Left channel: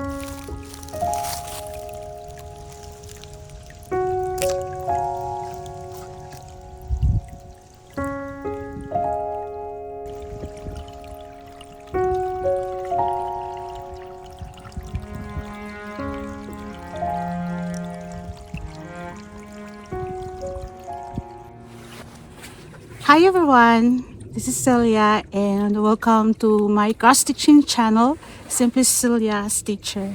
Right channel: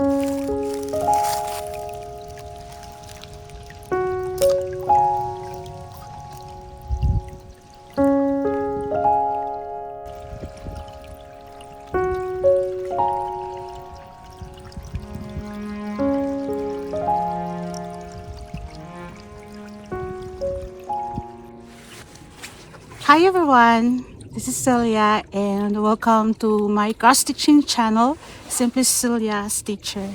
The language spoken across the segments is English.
Hi everyone, this is Celia and welcome to my cross stitching channel, Simple Celia Stitcher.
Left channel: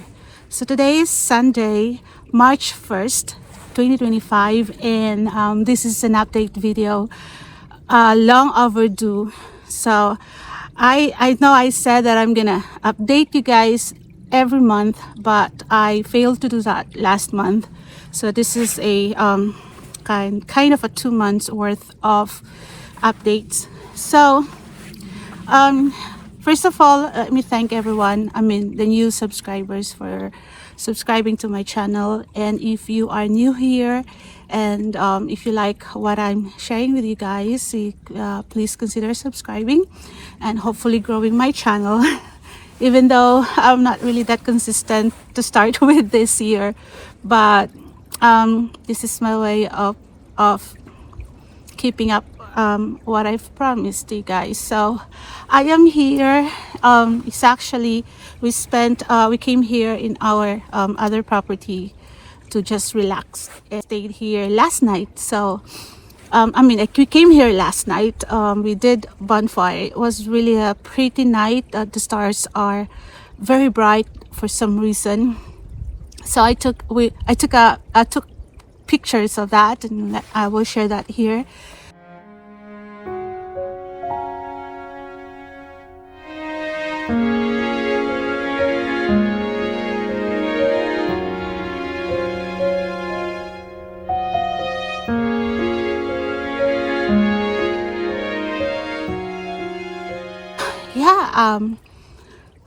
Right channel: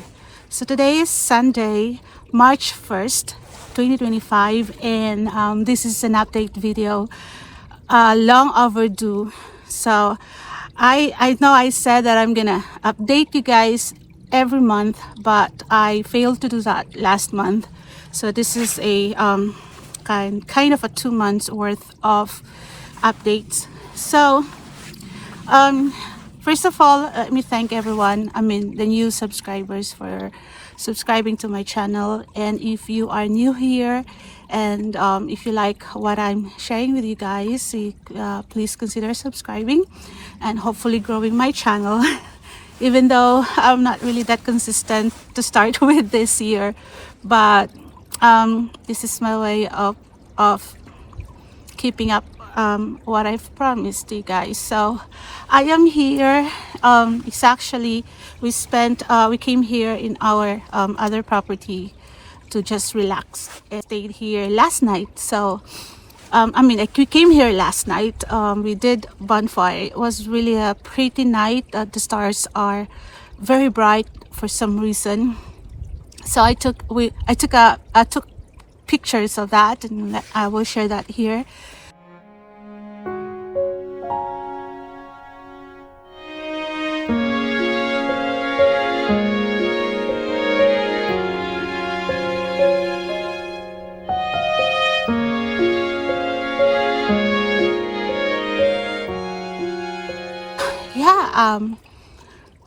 So today is Sunday, March 1st, 2025, and this is an update video, long overdue. So I know I said that I'm gonna update you guys every month, but I failed to do that last month. So this is a kind of a 2 months worth of updates. So first of all, let me thank everyone, the new subscribers, for subscribing to my channel. And if you are new here and if you like what I'm sharing with you guys, please consider subscribing and hopefully growing my channel. Even though I'm not really that consistent to start with this year, but this is my way of keeping up what I've promised you guys. So I am here. It's actually we came here in our other property to just relax and stayed here last night. So we came here last night. We did bonfire. It was really a pretty night. The stars are very bright for some reason. So I took pictures of that, and I will share that here.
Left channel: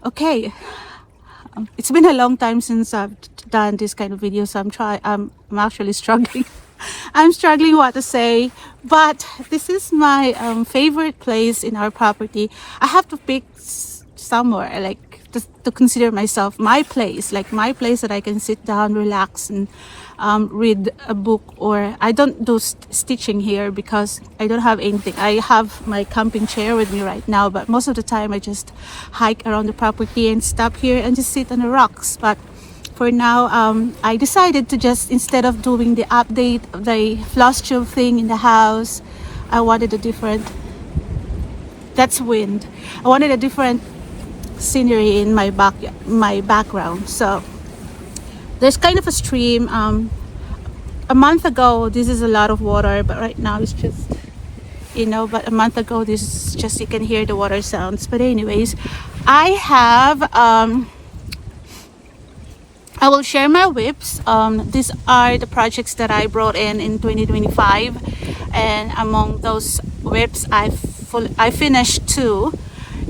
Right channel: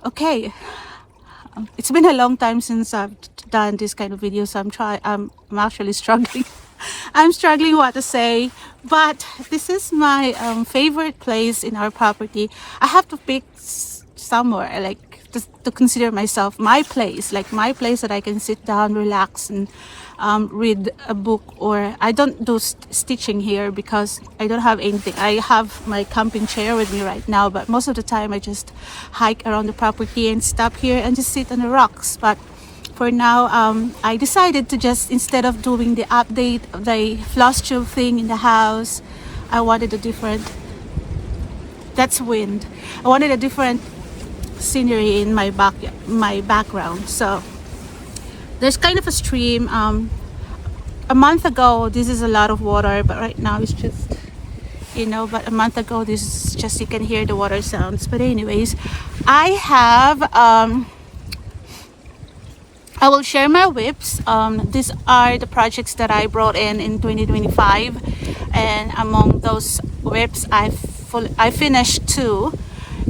Okay, it's been a long time since I've done this kind of video, so I'm actually struggling. I'm struggling what to say, but this is my favorite place in our property. I have to pick somewhere like to consider myself my place, like my place that I can sit down, relax, and read a book. Or I don't do stitching here because I don't have anything. I have my camping chair with me right now, but most of the time I just hike around the property and stop here and just sit on the rocks. But for now, I decided to just, instead of doing the update of the Flosstube thing in the house, I wanted a different, that's wind, I wanted a different scenery in my background. So there's kind of a stream. A month ago this is a lot of water, but right now it's just, but a month ago this is just, you can hear the water sounds. But anyways, I have I will share my whips. These are the projects that I brought in 2025, and among those whips I finished 2,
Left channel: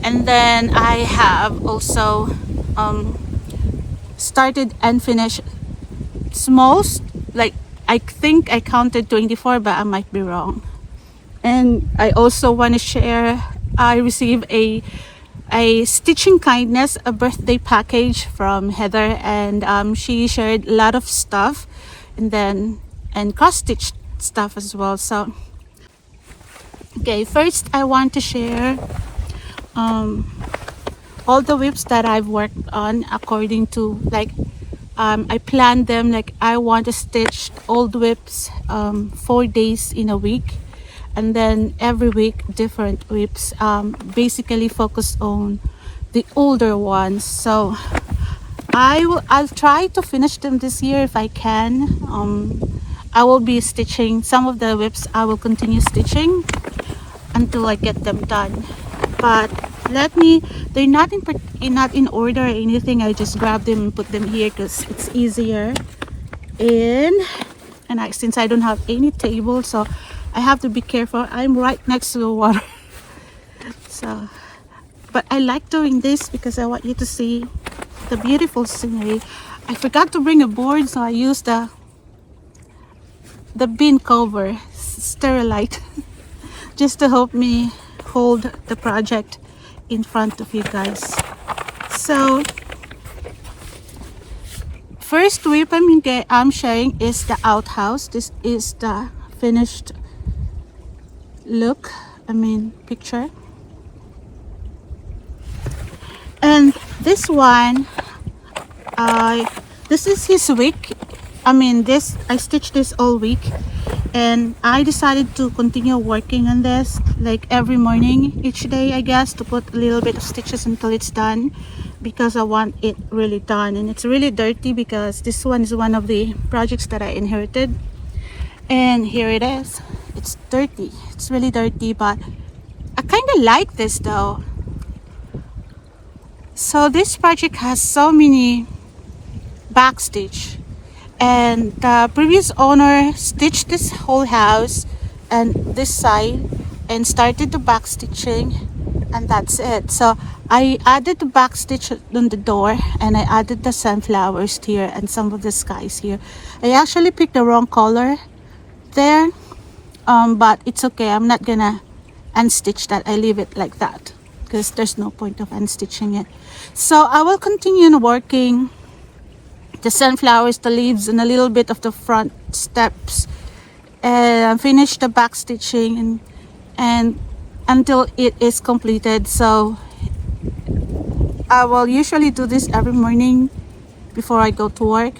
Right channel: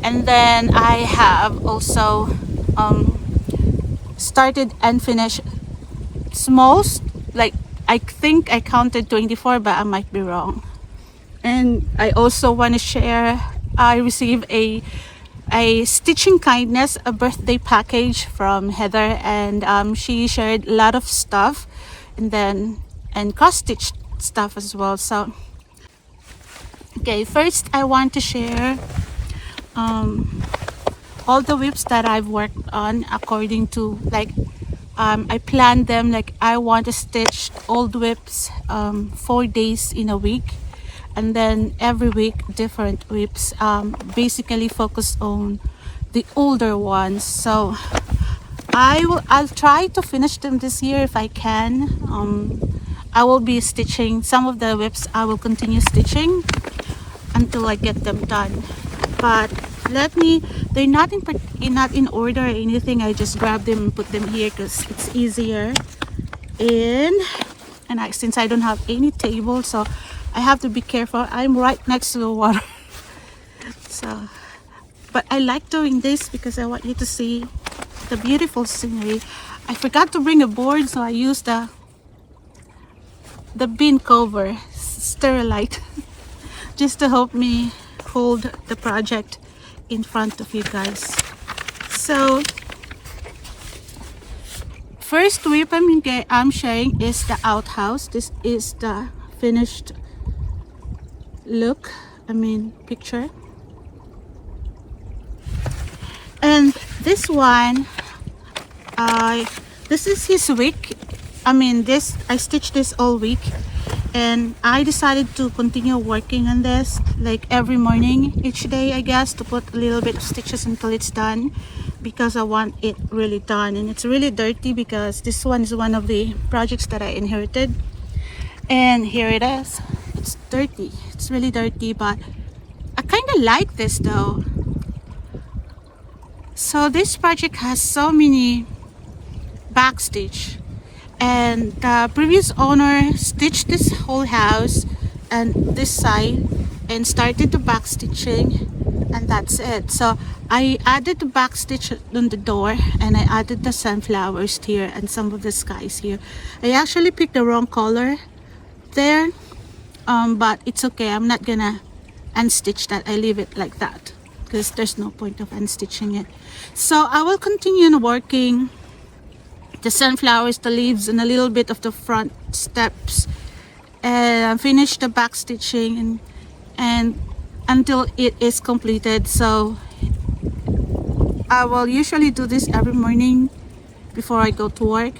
and then I have also started and finished smalls. Like, I think I counted 24, but I might be wrong. And I also want to share, I received a Stitching Kindness, a birthday package from Heather, and she shared a lot of stuff, and cross stitch stuff as well. So okay, first I want to share all the whips that I've worked on according to, like, I planned them. Like, I want to stitch old whips 4 days in a week, and then every week different whips, basically focus on the older ones. So I'll try to finish them this year if I can. I will be stitching some of the whips. I will continue stitching until I get them done. But they're not in order or anything. I just grab them and put them here because it's easier. And since I don't have any table, so I have to be careful. I'm right next to the water. So, but I like doing this because I want you to see the beautiful scenery. I forgot to bring a board, so I used the bin cover, Sterilite, just to help me hold the project in front of you guys. So first whip I'm sharing is the outhouse. This is the finished look, picture. And this one, this is his week. I stitched this all week, and I decided to continue working on this like every morning, each day, I guess, to put a little bit of stitches until it's done, because I want it really done. And it's really dirty because this one is one of the projects that I inherited, and here it is. It's dirty. It's really dirty, but I kind of like this though. So this project has so many backstitch, and the previous owner stitched this whole house and this side and started the backstitching, and that's it. So I added the backstitch on the door, and I added the sunflowers here and some of the skies here. I actually picked the wrong color there, but it's okay. I'm not gonna unstitch that. I leave it like that because there's no point of unstitching it. So I will continue working the sunflowers, the leaves, and a little bit of the front steps, finish the back stitching and until it is completed. So I will usually do this every morning before I go to work,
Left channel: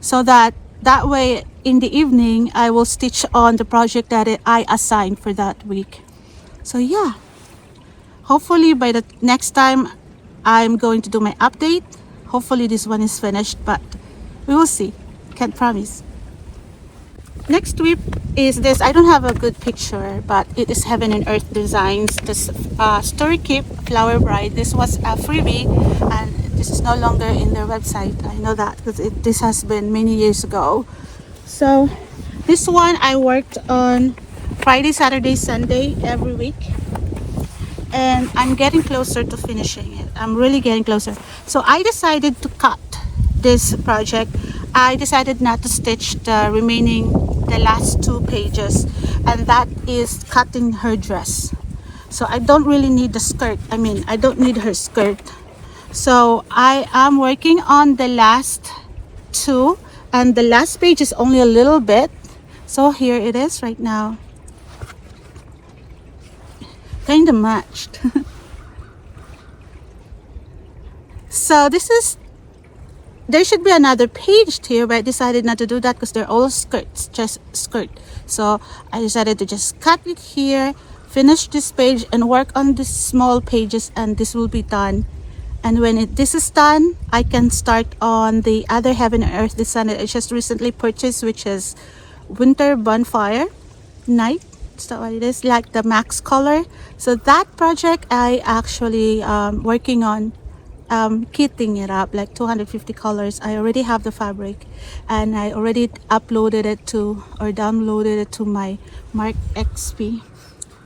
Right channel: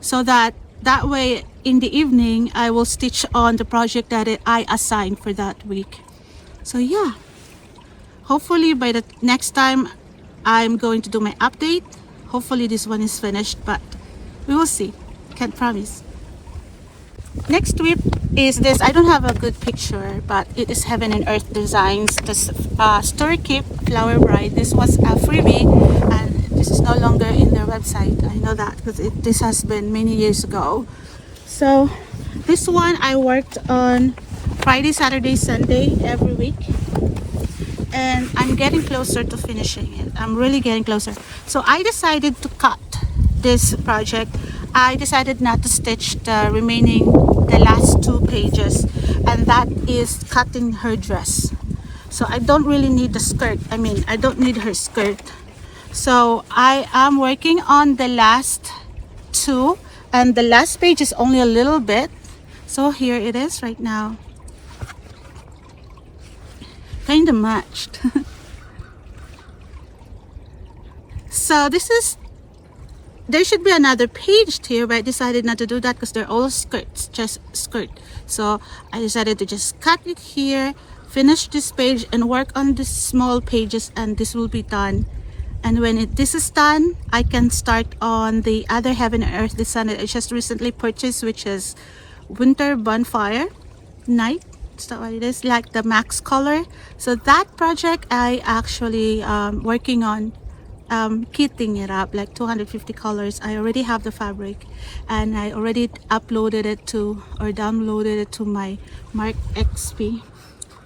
so that way in the evening I will stitch on the project that I assigned for that week. So yeah, hopefully by the next time I'm going to do my update. Hopefully this one is finished, but we will see. Can't promise. Next whip is this. I don't have a good picture, but it is Heaven and Earth Designs. This Story Keep Flower Bride. This was a freebie, and this is no longer in their website. I know that because this has been many years ago. So this one I worked on Friday, Saturday, Sunday every week. And I'm getting closer to finishing it. I'm really getting closer. So I decided to cut this project. I decided not to stitch the last 2 pages, and that is cutting her dress. So I don't really need the skirt. I don't need her skirt. So I am working on the last 2, and the last page is only a little bit. So here it is right now. Kind of matched. So there should be another page here, but I decided not to do that because they're all skirts, just skirt. So I decided to just cut it here, finish this page, and work on the small pages, and this will be done. And when this is done, I can start on the other Heaven and Earth Design that I just recently purchased, which is Winter Bonfire Night. So it is like the max color. So that project I actually working on kitting it up like 250 colors. I already have the fabric, and I already uploaded it to or downloaded it to my Mark XP,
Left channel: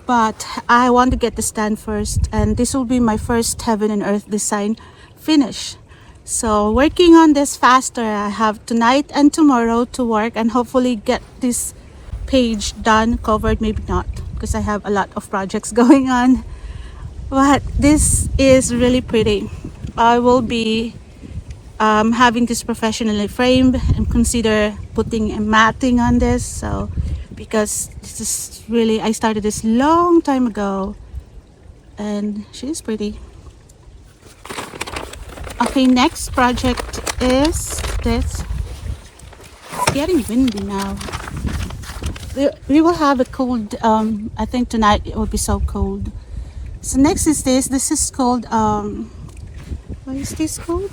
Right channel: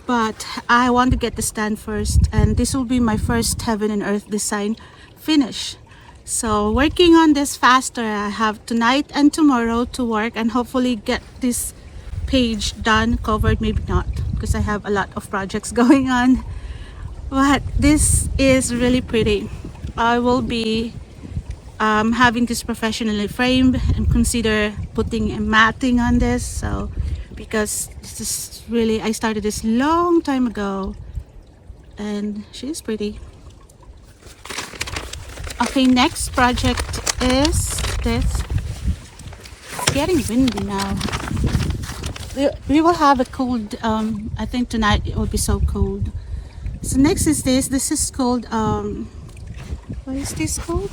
but I want to get this done first, and this will be my first Heaven and Earth Design finish. So working on this faster. I have tonight and tomorrow to work and hopefully get this page done, covered, maybe not, because I have a lot of projects going on, but this is really pretty. I will be having this professionally framed and consider putting a matting on this, so because this is really, I started this long time ago, and she's pretty. Okay, next project is this. It's getting windy now. We will have a cold, I think tonight it will be so cold. So next is this. This is called, what is this called?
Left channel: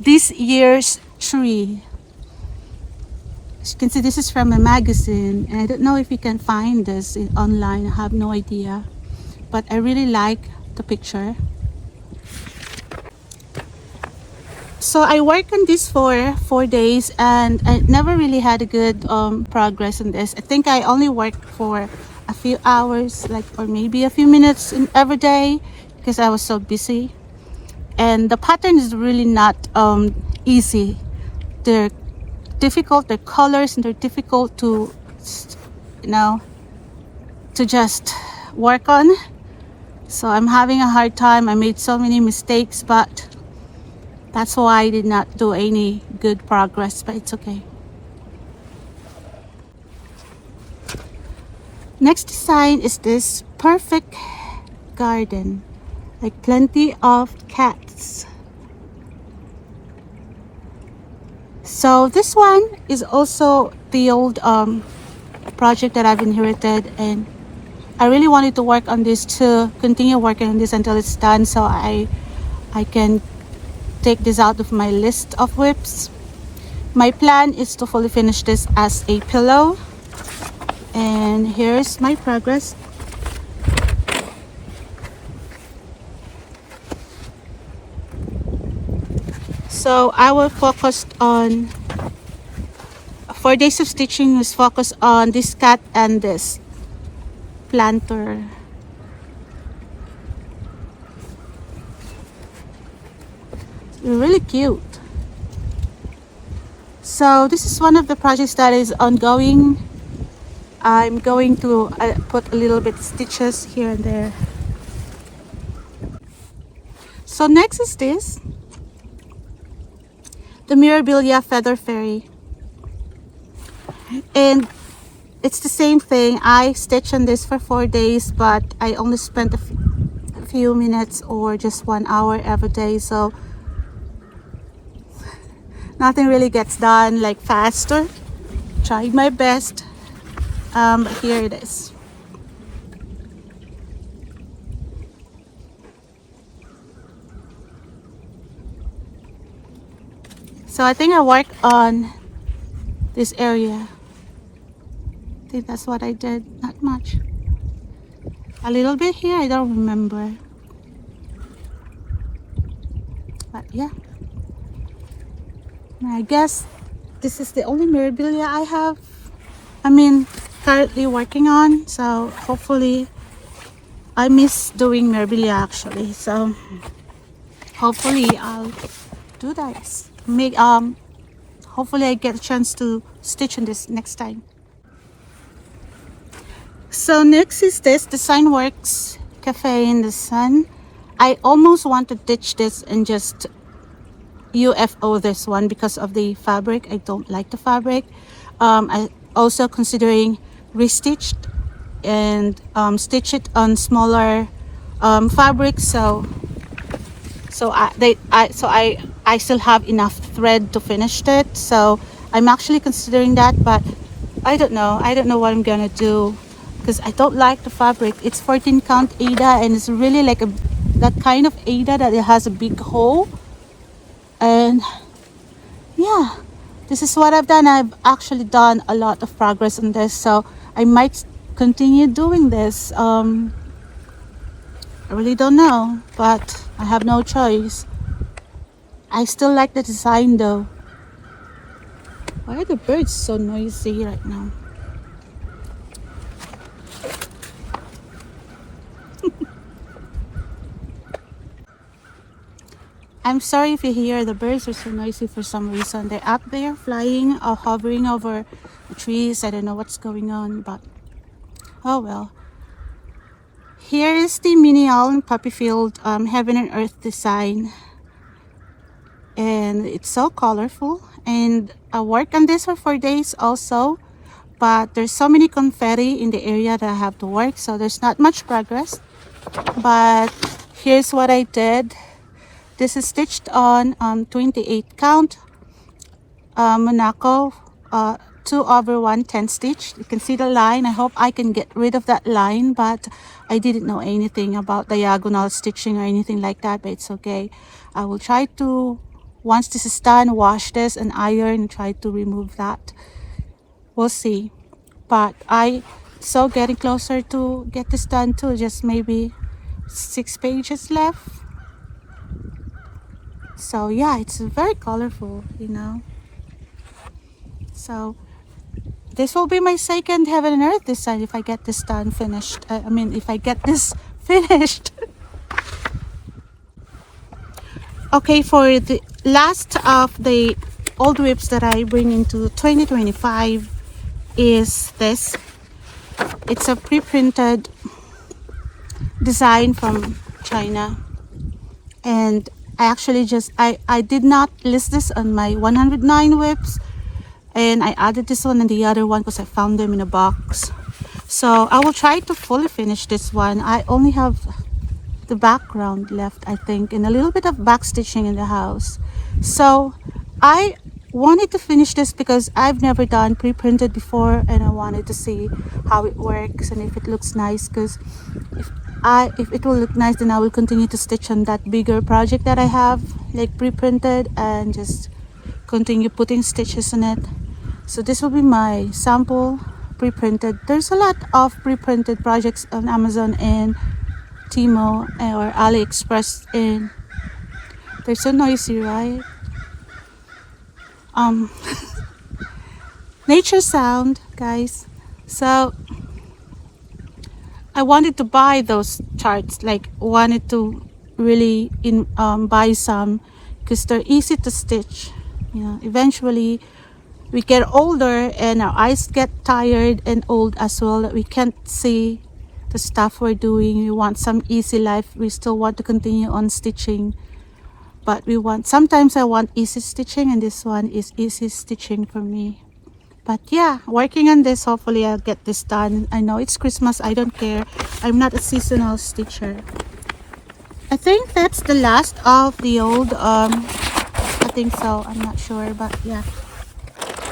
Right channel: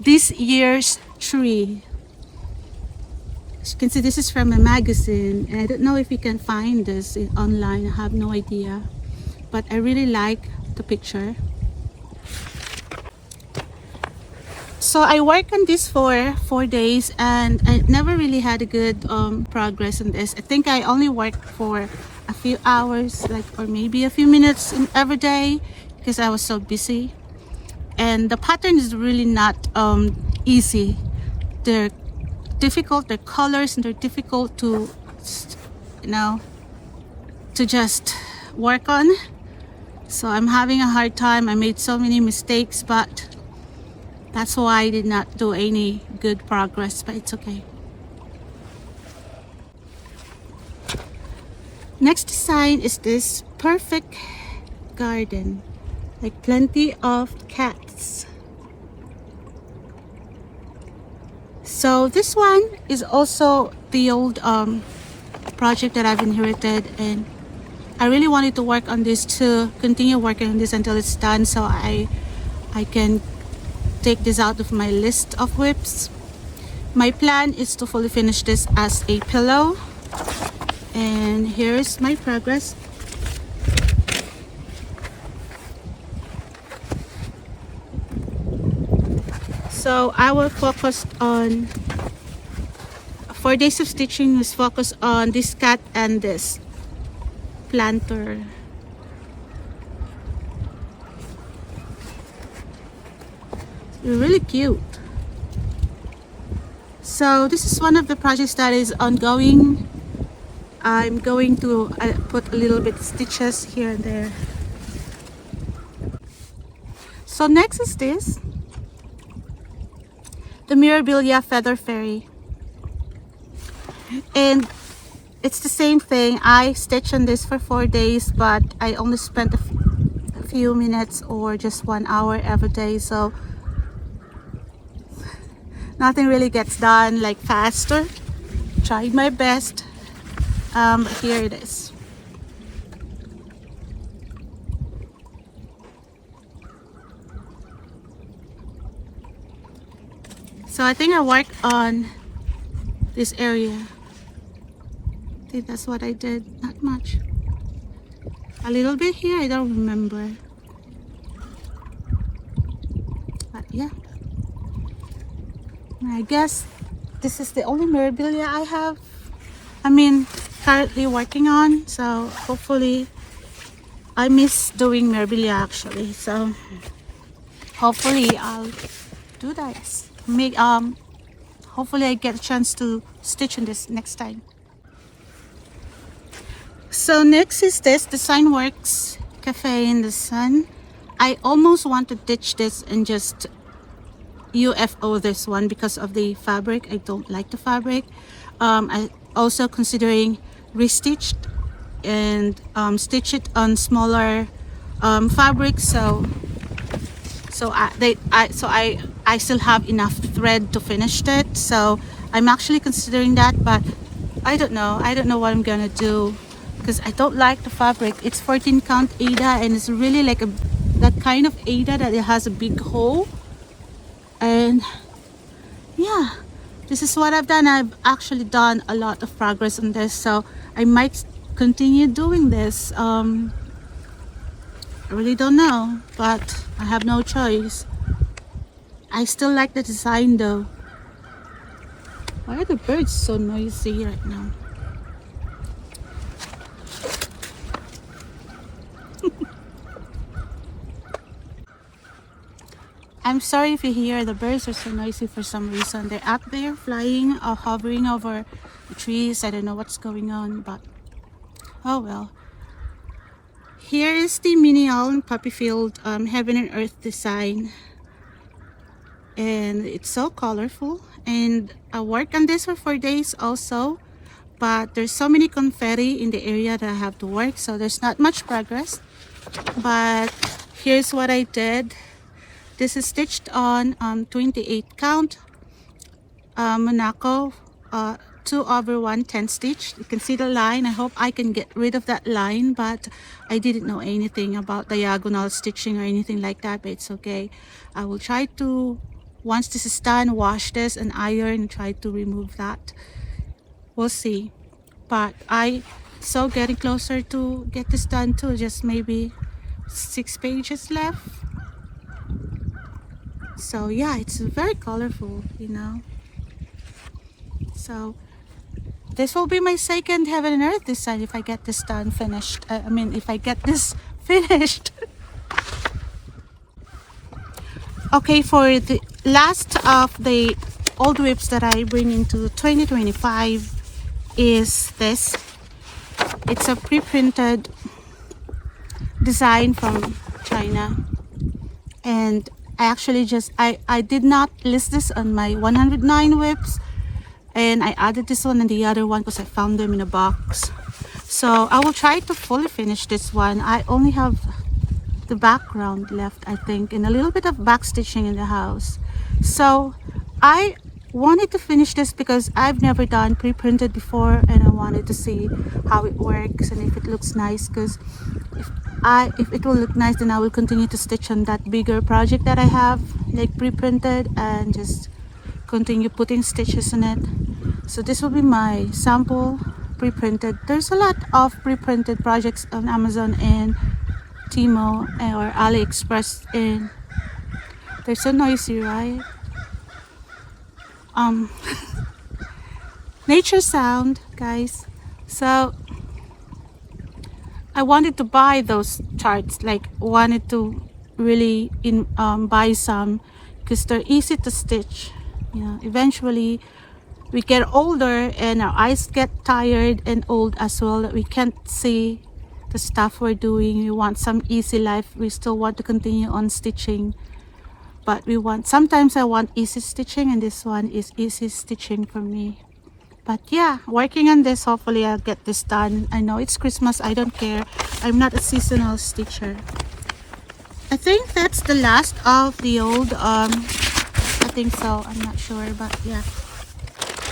This Year's Tree. As you can see, this is from a magazine, and I don't know if you can find this online. I have no idea, but I really like the picture. So I worked on this for 4 days, and I never really had a good progress on this. I think I only worked for a few hours, or maybe a few minutes every day, because I was so busy. And the pattern is really not easy. They're difficult, they're colors, and they're difficult to, to just work on. So I'm having a hard time. I made so many mistakes, but That's why I did not do any good progress, but it's okay. Next design is this perfect garden, like plenty of cats. So this one is also the old project that I've inherited, and I really wanted to work on this, to continue working on this until it's done, so I can take this out of my list of whips. My plan is to fully finish this as a pillow, and here's my progress. So I will focus on 4 days of stitching, was focused on this cat and this planter. Really cute. So this is one of the projects that is ongoing. I'm going to put a little bit of stitches here and there. So next is this, the Mirabilia Feather Fairy, and it's the same thing. I stitched on this for 4 days, but I only spent a few minutes or just 1 hour every day, so nothing really gets done like faster. Tried my best. Here it is. So I think I worked on this area. I think that's what I did. Not much. A little bit here, I don't remember. But yeah. I guess this is the only Mirabilia I have. Currently working on. So hopefully, I miss doing Mirabilia actually. So hopefully I'll do that. Hopefully I get a chance to stitch on this next time. So next is this Design Works Cafe in the Sun. I almost want to ditch this and just UFO this one because of the fabric. I don't like the fabric. I also considering restitched and stitch it on smaller fabric, so I still have enough thread to finish it. So I'm actually considering that, but I don't know what I'm gonna do because I don't like the fabric. It's 14 count Aida, and it's really like that kind of Aida that it has a big hole. And yeah, this is what I've done. I've actually done a lot of progress on this, so I might continue doing this. I really don't know, but I have no choice. I still like the design though. Why are the birds so noisy right now? I'm sorry if you hear the birds are so noisy for some reason. They're up there flying or hovering over trees. I don't know what's going on, but oh well. Here is the mini owl and puppy field Heaven and Earth design, and it's so colorful. And I worked on this for 4 days also, but there's so many confetti in the area that I have to work, so there's not much progress. But here's what I did. This is stitched on 28 count Monaco 2/110 stitch. You can see the line. I hope I can get rid of that line, but I didn't know anything about diagonal stitching or anything like that, but it's okay. I will try to, once this is done, wash this and iron and try to remove that. We'll see. But so getting closer to get this done too. Just maybe 6 pages left. So yeah, it's very colorful, you know. So this will be my second Heaven and Earth design if I get this done finished. If I get this finished. Okay, for the last of the old whips that I bring into 2025 is this. It's a pre-printed design from China, and I actually just I did not list this on my 109 whips, and I added this one and the other one because I found them in a box. So I will try to fully finish this one. I only have the background left, I think, and a little bit of back stitching in the house. So I wanted to finish this because I've never done pre-printed before, and I wanted to see how it works and if it looks nice, because if it will look nice, then I will continue to stitch on that bigger project that I have, like pre-printed, and just continue putting stitches on it. So this will be my sample pre-printed. There's a lot of pre-printed projects on Amazon and Timo or AliExpress, and they're so noisy, right? Nature sound, guys. So I wanted to buy those charts, like wanted to really buy some because they're easy to stitch. Yeah, eventually we get older and our eyes get tired and old as well. We can't see the stuff we're doing. We want some easy life. We still want to continue on stitching, but sometimes I want easy stitching, and this one is easy stitching for me. But yeah, working on this, hopefully I'll get this done. I know it's Christmas, I don't care. I'm not a seasonal stitcher. I think that's the last of the old, I think so, I'm not sure, but yeah.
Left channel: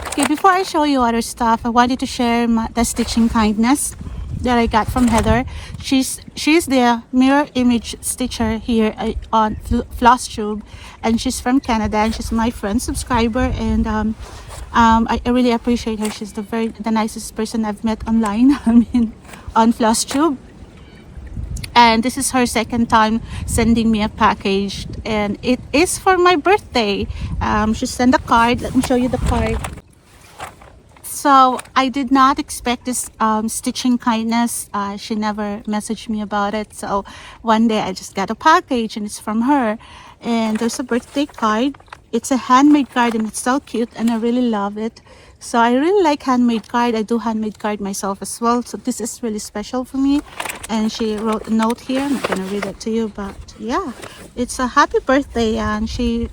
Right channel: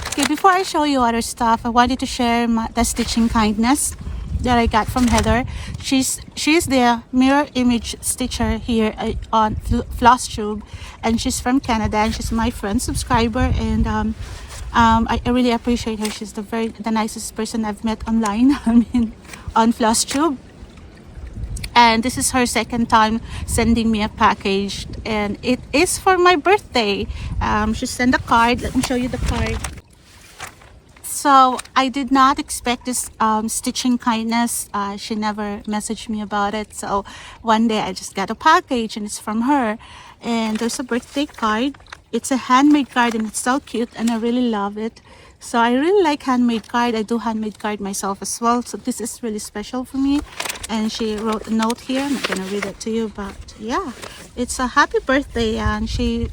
Okay, before I show you other stuff, I wanted to share the stitching kindness that I got from Heather. She's the mirror image stitcher here on Flosstube, and she's from Canada, and she's my friend subscriber, and I really appreciate her. She's the nicest person I've met online. I mean, on Flosstube. And this is her second time sending me a package, and it is for my birthday. She sent a card. Let me show you the card. So I did not expect this stitching kindness. She never messaged me about it. So one day I just got a package, and it's from her. And there's a birthday card. It's a handmade card, and it's so cute, and I really love it. So I really like handmade card. I do handmade card myself as well. So this is really special for me. And she wrote a note here. I'm not gonna read it to you, but yeah, it's a happy birthday. And she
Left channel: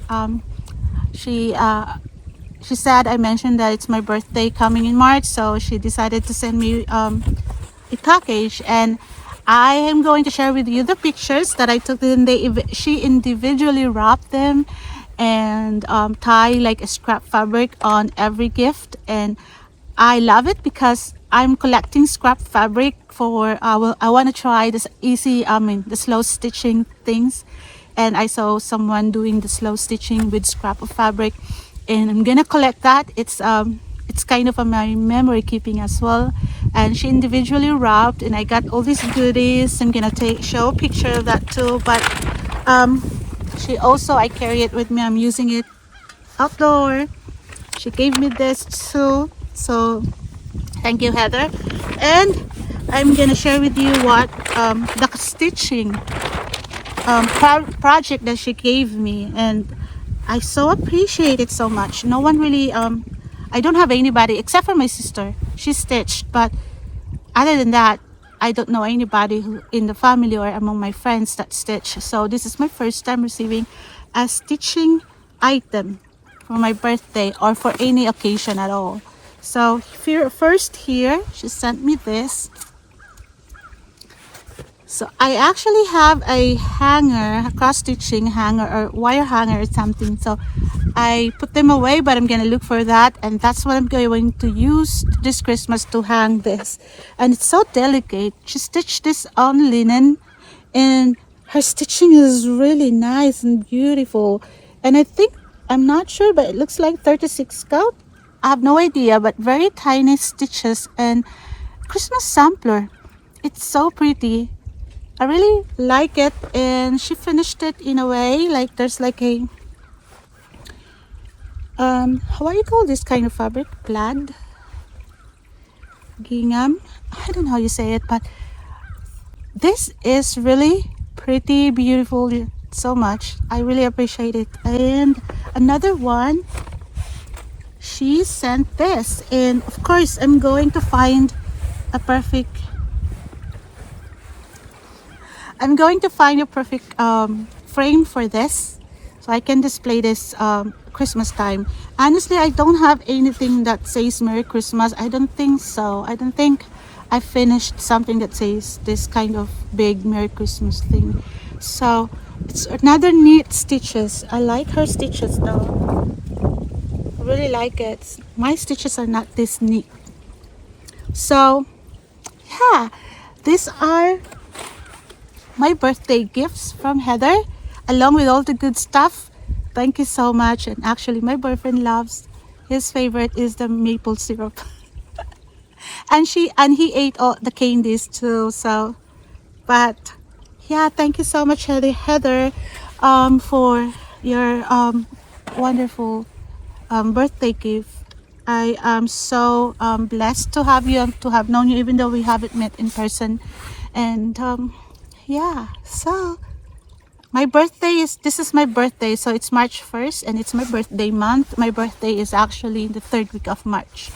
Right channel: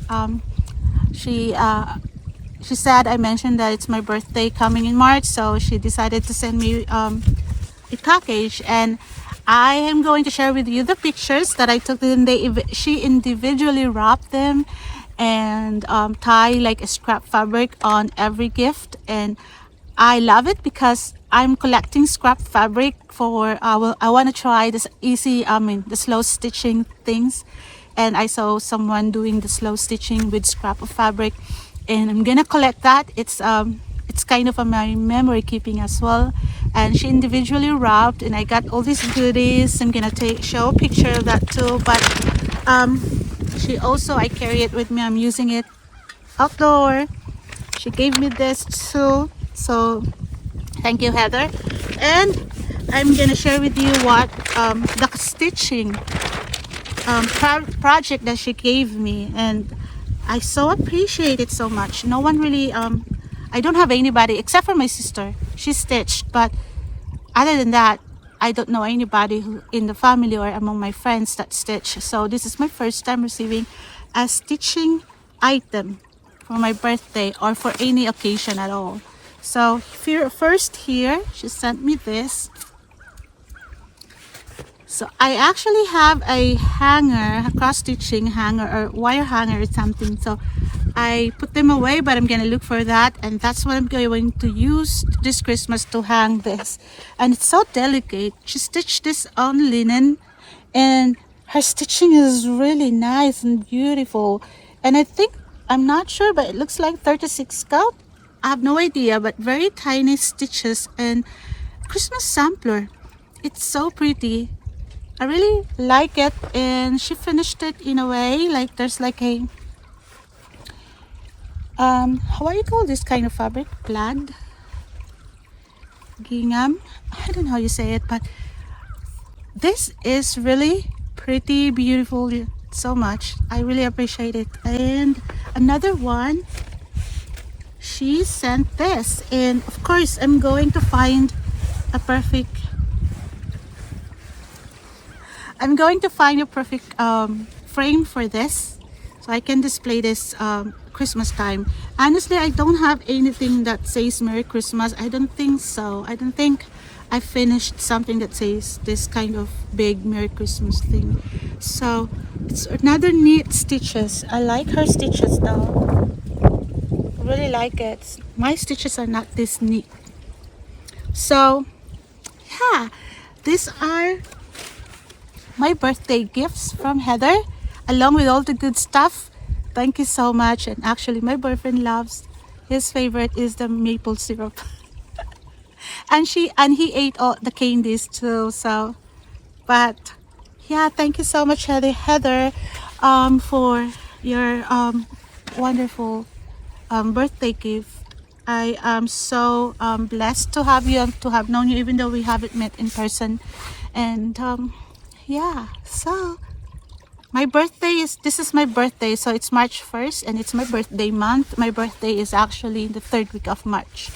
said I mentioned that it's my birthday coming in March, so she decided to send me a package, and I am going to share with you the pictures that I took. And she individually wrapped them and tie like a scrap fabric on every gift, and I love it because I'm collecting scrap fabric for I want to try this the slow stitching things, and I saw someone doing the slow stitching with scrap of fabric, and I'm gonna collect that. It's kind of my memory keeping as well. And she individually wrapped, and I got all these goodies. I'm gonna show a picture of that too, but she also, I carry it with me, I'm using it outdoor. She gave me this too, so thank you, Heather. And I'm gonna share with you what the stitching project that she gave me, and I so appreciate it so much. No one really I don't have anybody except for my sister. She stitched, but other than that, I don't know anybody in the family or among my friends that stitch. So this is my first time receiving a stitching item for my birthday or for any occasion at all. So first here, she sent me this. So I actually have a hanger, a cross stitching hanger or wire hanger or something. So I put them away, but I'm gonna look for that, and that's what I'm going to use this Christmas to hang this. And it's so delicate. She stitched this on linen, and her stitching is really nice and beautiful. And I think, I'm not sure, but it looks like 36 count. I have no idea, but very tiny stitches and Christmas sampler. It's so pretty. I really like it, and she finished it in a way like there's like a how do you call this kind of fabric? Plaid? Gingham? I don't know how you say it, but this is really pretty, beautiful, so much. I really appreciate it. And another one, she sent this, and of course I'm going to find a perfect frame for this. so I can display this Christmas time. Honestly, I don't have anything that says Merry Christmas. I don't think so. I don't think I finished something that says this kind of big Merry Christmas thing. So it's another neat stitches. I like her stitches though. I really like it. My stitches are not this neat. So yeah, these are my birthday gifts from Heather, along with all the good stuff. Thank you so much. And actually my boyfriend loves, his favorite is the maple syrup. and he ate all the candies too. So but yeah, thank you so much, Heather, for your wonderful birthday gift. I am so blessed to have you and to have known you, even though we haven't met in person. And yeah, so this is my birthday, so it's March 1st and it's my birthday month. My birthday is actually in the 3rd week of March.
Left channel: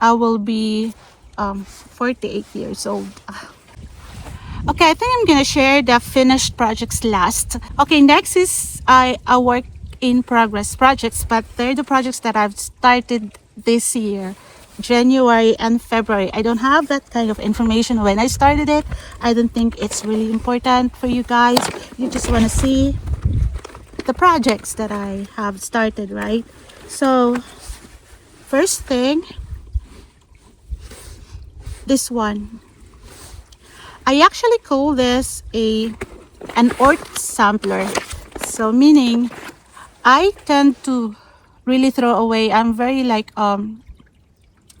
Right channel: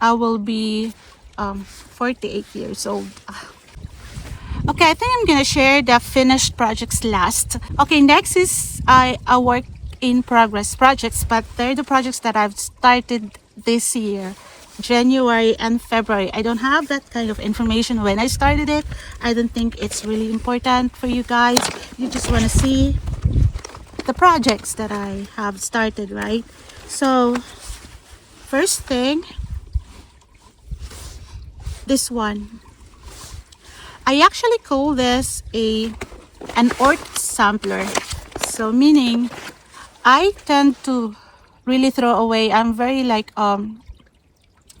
I will be 48 years old. Okay, I think I'm gonna share the finished projects last. Okay, next is a work in progress projects, but they're the projects that I've started this year, January and February. I don't have that kind of information when I started it. I don't think it's really important for you guys. You just want to see the projects that I have started, right? So first thing, this one. I actually call this an art sampler. So meaning I tend to really throw away. I'm very like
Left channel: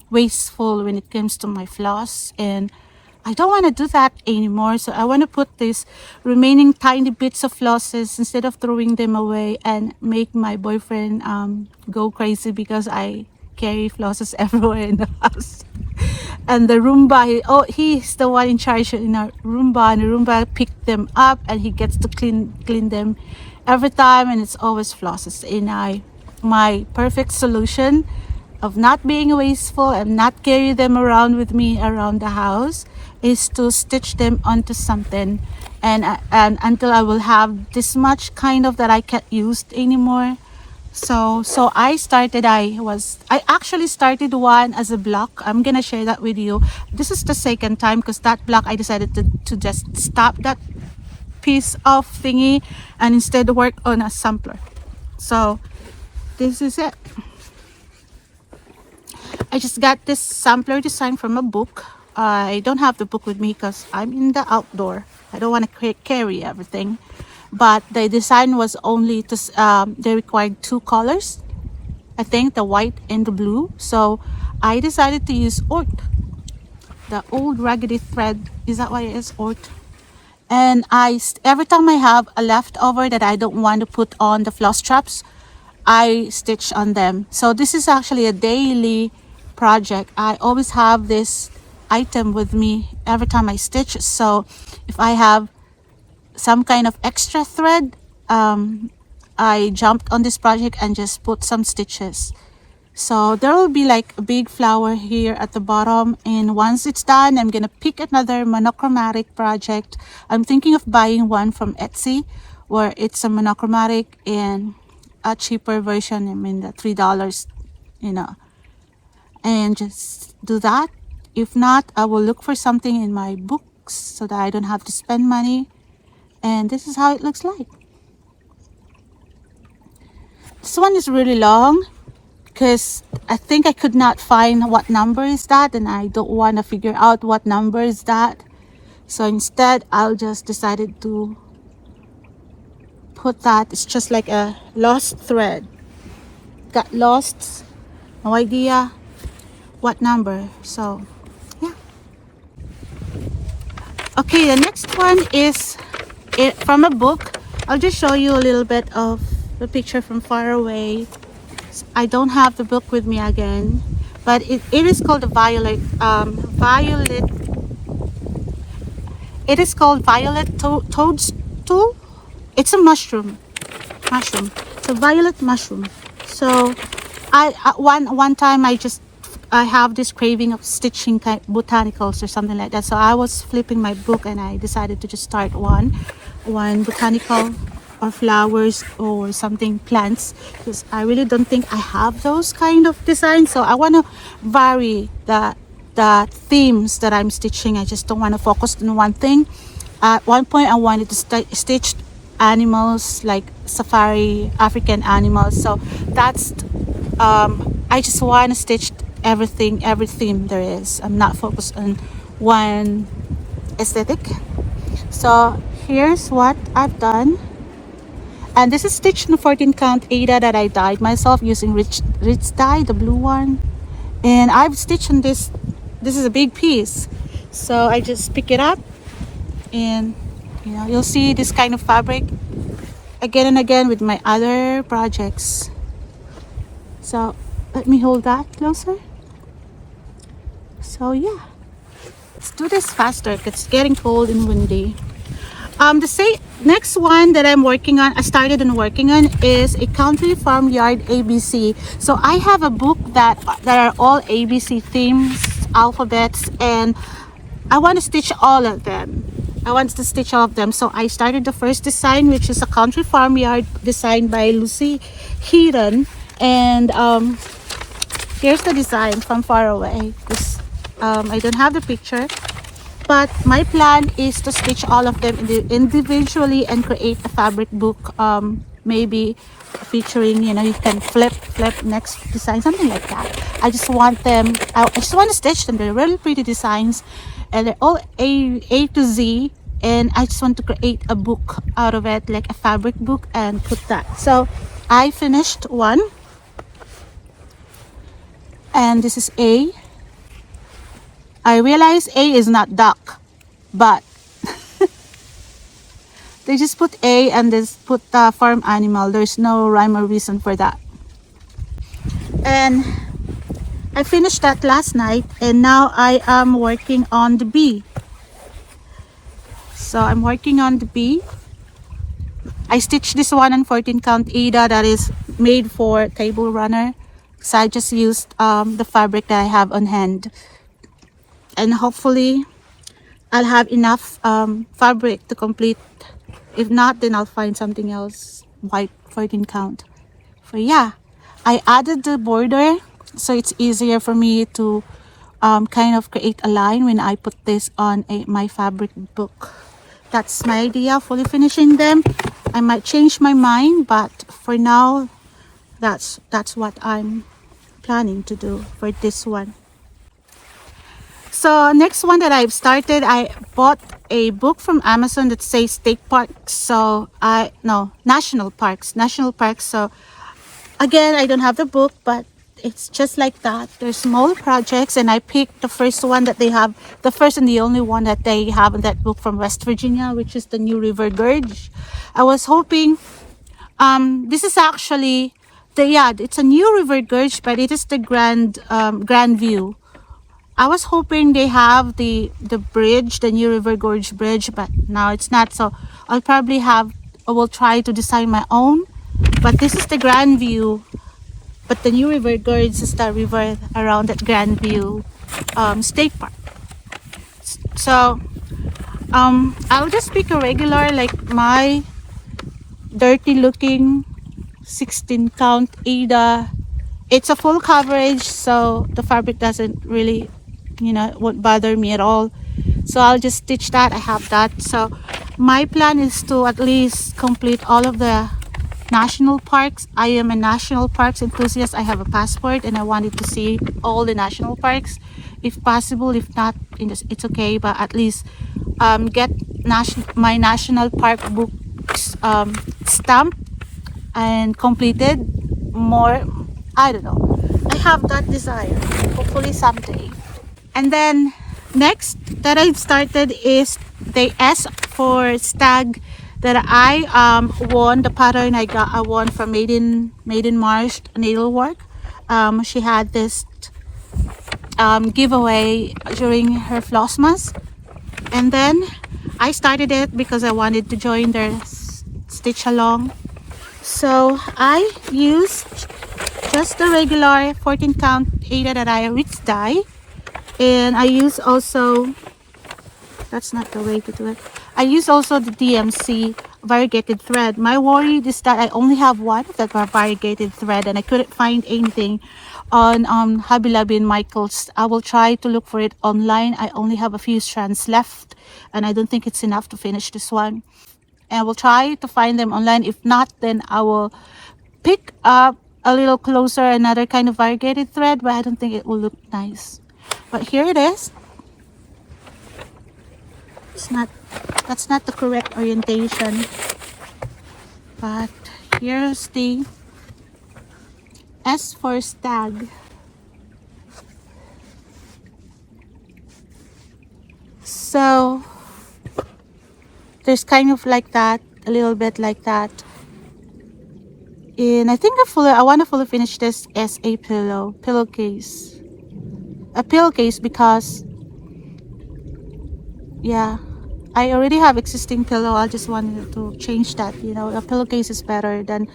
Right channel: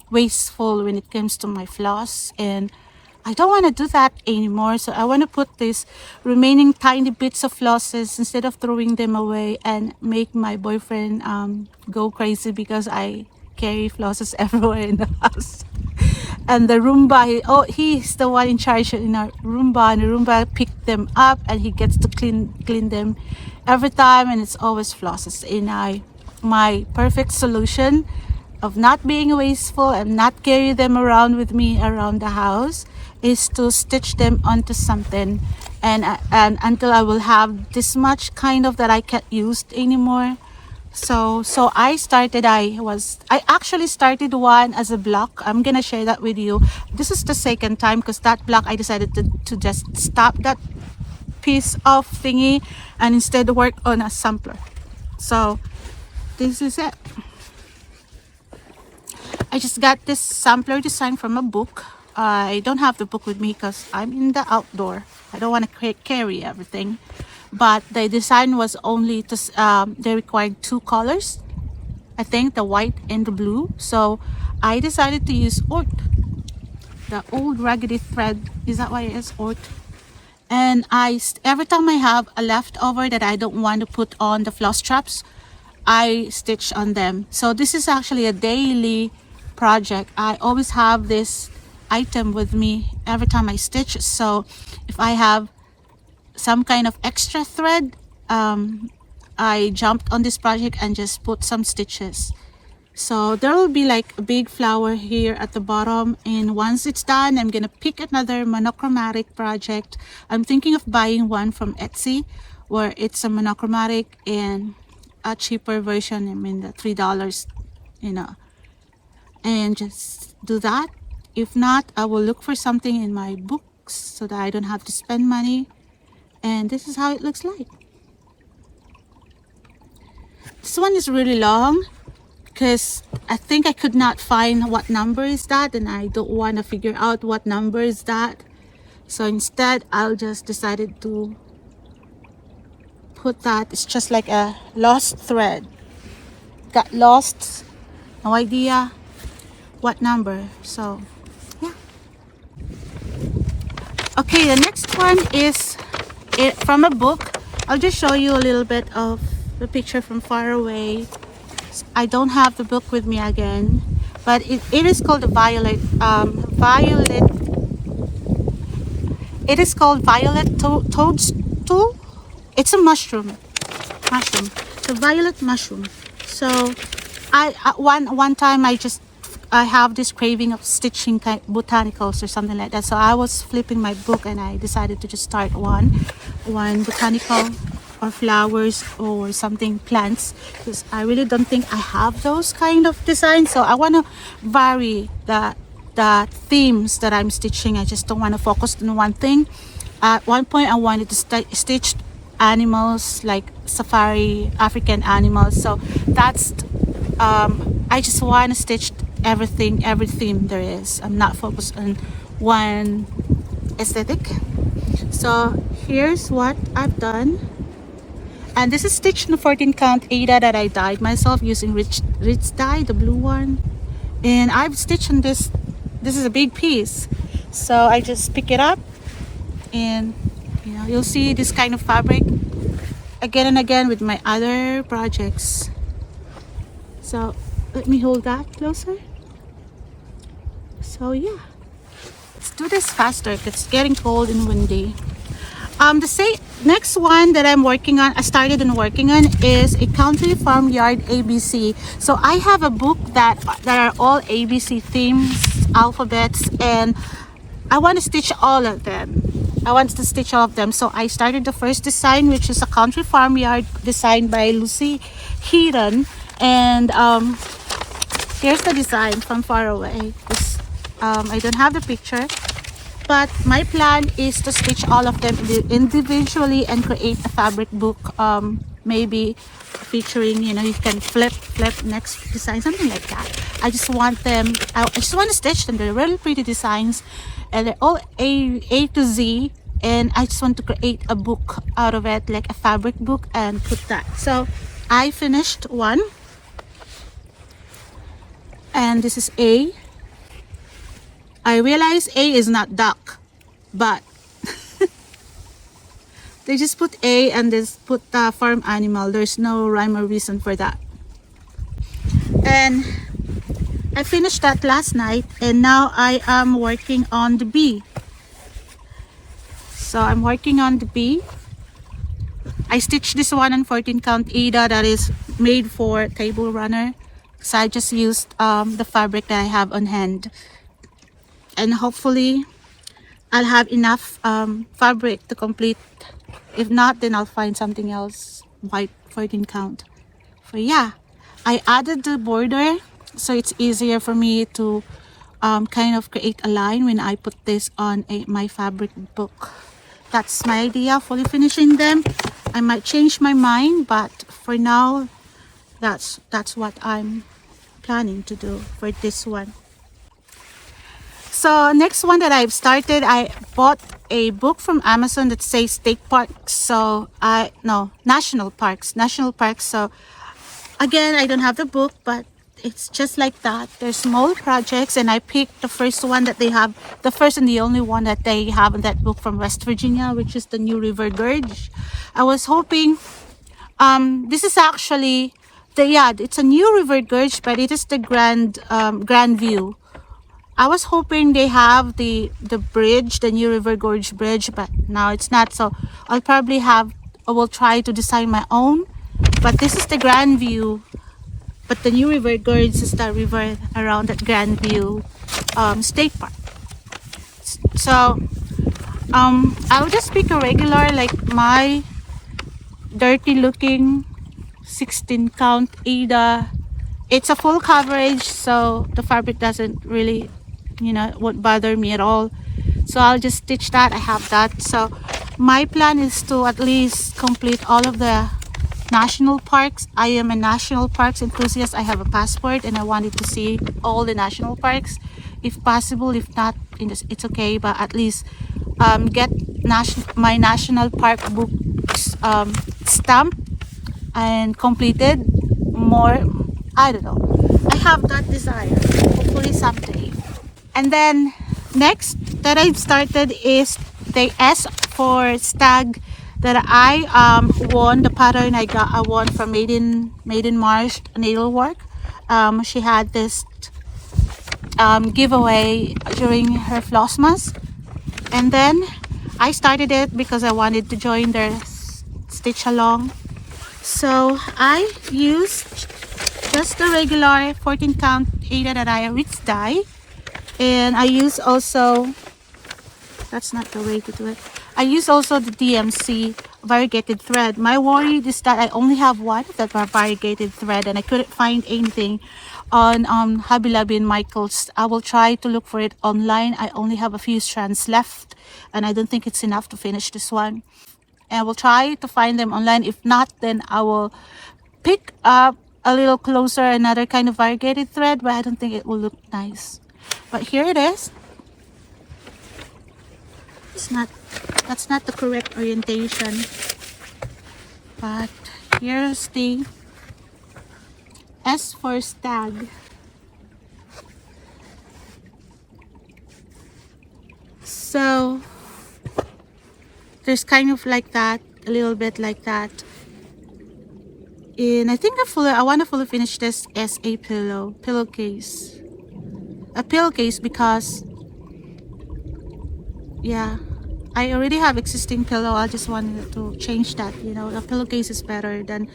wasteful when it comes to my floss, and I don't want to do that anymore. So I want to put these remaining tiny bits of flosses, instead of throwing them away, and make my boyfriend go crazy because I carry flosses everywhere in the house. And the Roomba, he's the one in charge in our Roomba, and the Roomba picked them up and he gets to clean them every time, and it's always flosses. And my perfect solution of not being wasteful and not carry them around with me around the house is to stitch them onto something, and until I will have this much kind of that I can't use anymore. So I actually started one as a block. I'm gonna share that with you. This is the second time, because that block I decided to just stop that piece of thingy and instead work on a sampler. So this is it. I just got this sampler design from a book. I don't have the book with me because I'm in the outdoor. I don't want to carry everything. But the design was only they required 2 colors, I think, the white and the blue. So I decided to use oat, the old raggedy thread. Is that what it is? Oat. And every time I have a leftover that I don't want to put on the floss traps, I stitch on them. So this is actually a daily project. I always have this item with me every time I stitch. So if I have some kind of extra thread, I jumped on this project and just put some stitches. So there will be like a big flower here at the bottom, and once it's done, I'm gonna pick another monochromatic project. I'm thinking of buying one from Etsy where it's a monochromatic and a cheaper version. I mean the $3, and just do that. If not, I will look for something in my books so that I don't have to spend money. And this is how it looks like. This one is really long because I think I could not find what number is that, and I don't want to figure out what number is that. So instead, I'll just decided to put that. It's just like a lost thread. Got lost, no idea what number. So yeah. Okay, the next one is from a book. I'll just show you a little bit of the picture from far away. I don't have the book with me again, but it is called the Violet toadstool. It's a mushroom. It's a violet mushroom. So one time I have this craving of stitching botanicals or something like that. So I was flipping my book and I decided to just start one botanical or flowers or something, plants, because I really don't think I have those kind of designs. So I want to vary the themes that I'm stitching. I just don't want to focus on one thing. At one point I wanted to stitch animals like safari African animals, so that's I just want to stitch everything, every theme there is. I'm not focused on one aesthetic. So here's what I've done, and this is stitched in 14 count Ada that I dyed myself using rich dye, the blue one. And I've stitched in this is a big piece, so I just pick it up, and you know, you'll see this kind of fabric again and again with my other projects. So let me hold that closer. So yeah, let's do this faster because it's getting cold and windy. The next one that I'm working on, I started on working on, is a country farmyard ABC. So I have a book that are all ABC themes, alphabets, and I want to stitch all of them. I want to stitch all of them. So I started the first design, which is a country farmyard designed by Lucy Heaton. And here's the design from far away. I don't have the picture, but my plan is to stitch all of them individually and create a fabric book, maybe featuring, you know, you can flip next design, something like that. I just want to stitch them. They're really pretty designs, and they're all A to Z, and I just want to create a book out of it, like a fabric book, and put that. So I finished one, and this is A. I realize A is not duck, but they just put A and then put the farm animal. There's no rhyme or reason for that. And I finished that last night, and now I am working on the B. So I'm working on the B. I stitched this one on 14 count Ada that is made for table runner. So I just used the fabric that I have on hand. And hopefully I'll have enough fabric to complete. If not, then I'll find something else white 14 count. So yeah, I added the border so it's easier for me to kind of create a line when I put this on my fabric book. That's my idea, fully finishing them. I might change my mind, but for now that's what I'm planning to do for this one. So next one that I've started, I bought a book from Amazon that says state parks. So national parks. So again, I don't have the book, but it's just like that. They're small projects, and I picked the first one that they have, the first and the only one that they have in that book from West Virginia, which is the New River Gorge. I was hoping, this is actually it's a New River Gorge, but it is the Grand View. I was hoping they have the bridge, the New River Gorge bridge, but no, it's not. So I will try to design my own. But this is the Grand View. But the New River Gorge is the river around that Grand View State Park. So I will just pick a regular, like my dirty looking 16 count Ada. It's a full coverage, so the fabric doesn't really, won't bother me at all. So I'll just stitch that. I have that. So my plan is to at least complete all of the national parks. I am a national parks enthusiast. I have a passport and I wanted to see all the national parks if possible. If not, it's okay, but at least get my national park books stamped and completed. More, I don't know, I have that desire, hopefully someday. And then next that I've started is the S for stag that I won. The pattern I won from Maiden Marsh Needlework. She had this giveaway during her Flossmas, and then I started it because I wanted to join their stitch along. So I used just the regular 14 count Ada that I rich dye, and I use also, that's not the way to do it, I use also the DMC variegated thread. My worry is that I only have one that are variegated thread, and I couldn't find anything on Hobby Lobby and Michael's. I will try to look for it online. I only have a few strands left, and I don't think it's enough to finish this one. I will try to find them online. If not, then I will pick up a little closer another kind of variegated thread, but I don't think it will look nice. But here it is. That's not the correct orientation, but here's the S for stag. So there's kind of like that, a little bit like that. And I think I want to fully finish this as a pillowcase. A pillowcase because, yeah, I already have existing pillow. I just wanted to change that, you know. A pillowcase is better than,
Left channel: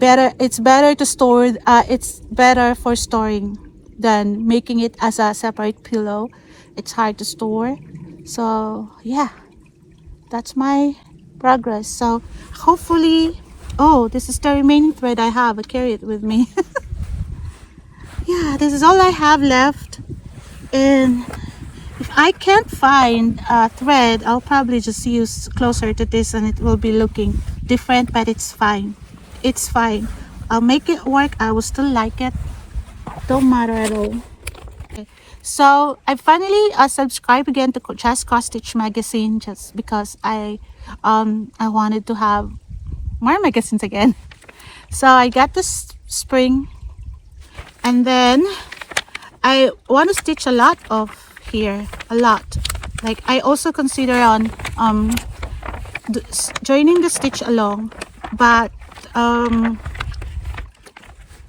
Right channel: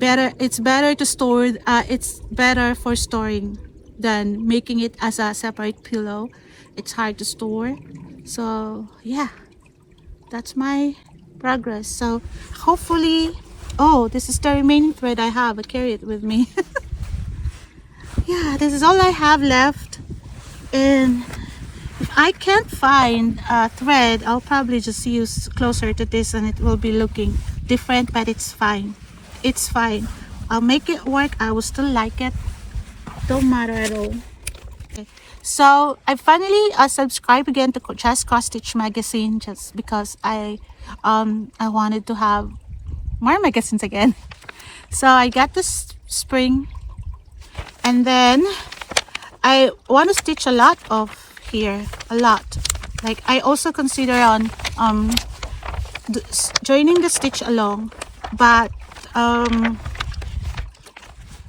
it's better to store, it's better for storing than making it as a separate pillow. It's hard to store. So yeah, that's my progress. So hopefully, oh, this is the remaining thread I have. I carry it with me. Yeah, this is all I have left. And if I can't find a thread, I'll probably just use closer to this, and it will be looking different, but it's fine. It's fine. I'll make it work. I will still like it. Don't matter at all. Okay. So I finally subscribed again to Just Cross Stitch magazine, just because I wanted to have more magazines again. So I got this spring, and then I want to stitch a lot of here, a lot. Like I also consider on joining the stitch along, but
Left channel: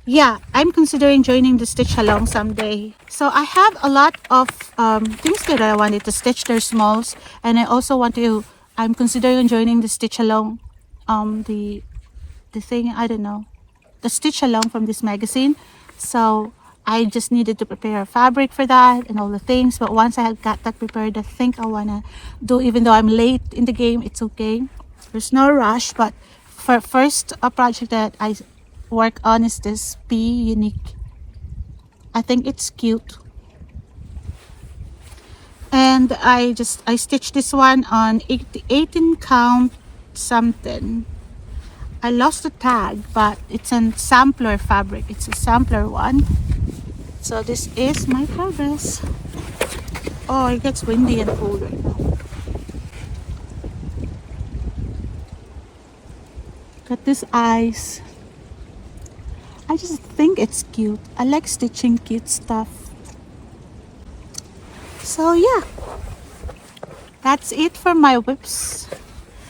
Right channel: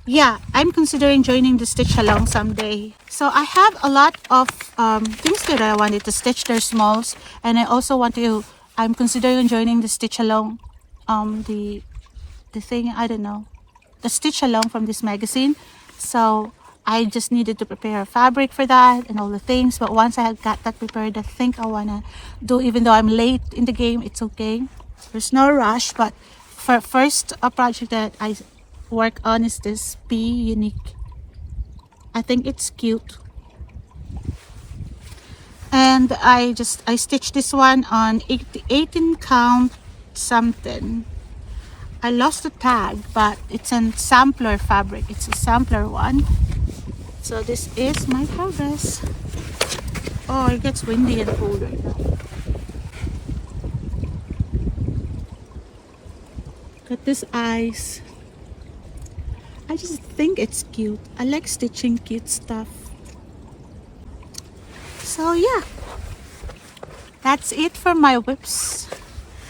yeah, I'm considering joining the stitch along someday. So I have a lot of things that I wanted to stitch. They're smalls, and I also want to, I'm considering joining the stitch along, the thing, I don't know, the stitch along from this magazine. So I just needed to prepare a fabric for that and all the things. But once I got that prepared, I think I want to do, even though I'm late in the game, it's okay. There's no rush. But for first a project that I work on is this Be Unique. I think it's cute. And I stitched this one on 18 count something. I lost the tag, but it's a sampler fabric. It's a sampler one. So this is my progress. Oh, it gets windy and cold right now. Got this eyes. I just think it's cute. I like stitching cute stuff. So yeah, that's it for my whips.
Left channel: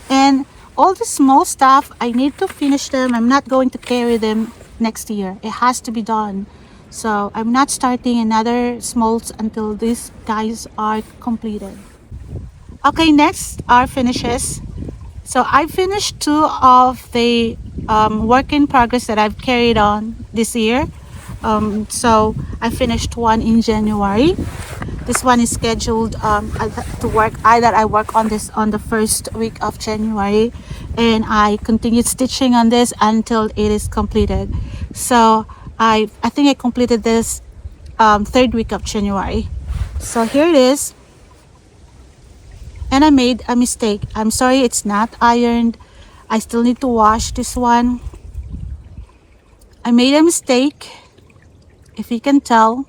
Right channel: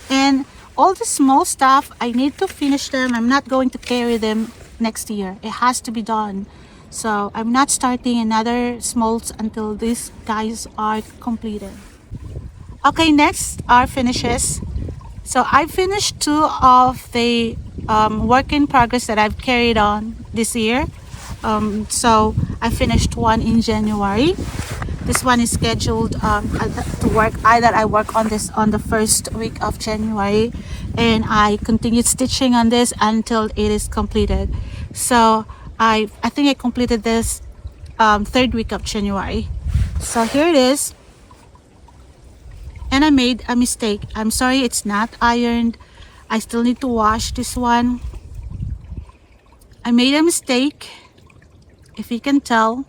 And all the small stuff, I need to finish them. I'm not going to carry them next year. It has to be done. So I'm not starting another smalls until these guys are completed. Okay, next are finishes. So I finished 2 of the work in progress that I've carried on this year. So I finished one in January. This one is scheduled to work. I work on this on the first week of January, and I continued stitching on this until it is completed. So I think I completed this 3rd week of January. So here it is. And I made a mistake. I'm sorry it's not ironed. I still need to wash this one. I made a mistake. If you can tell,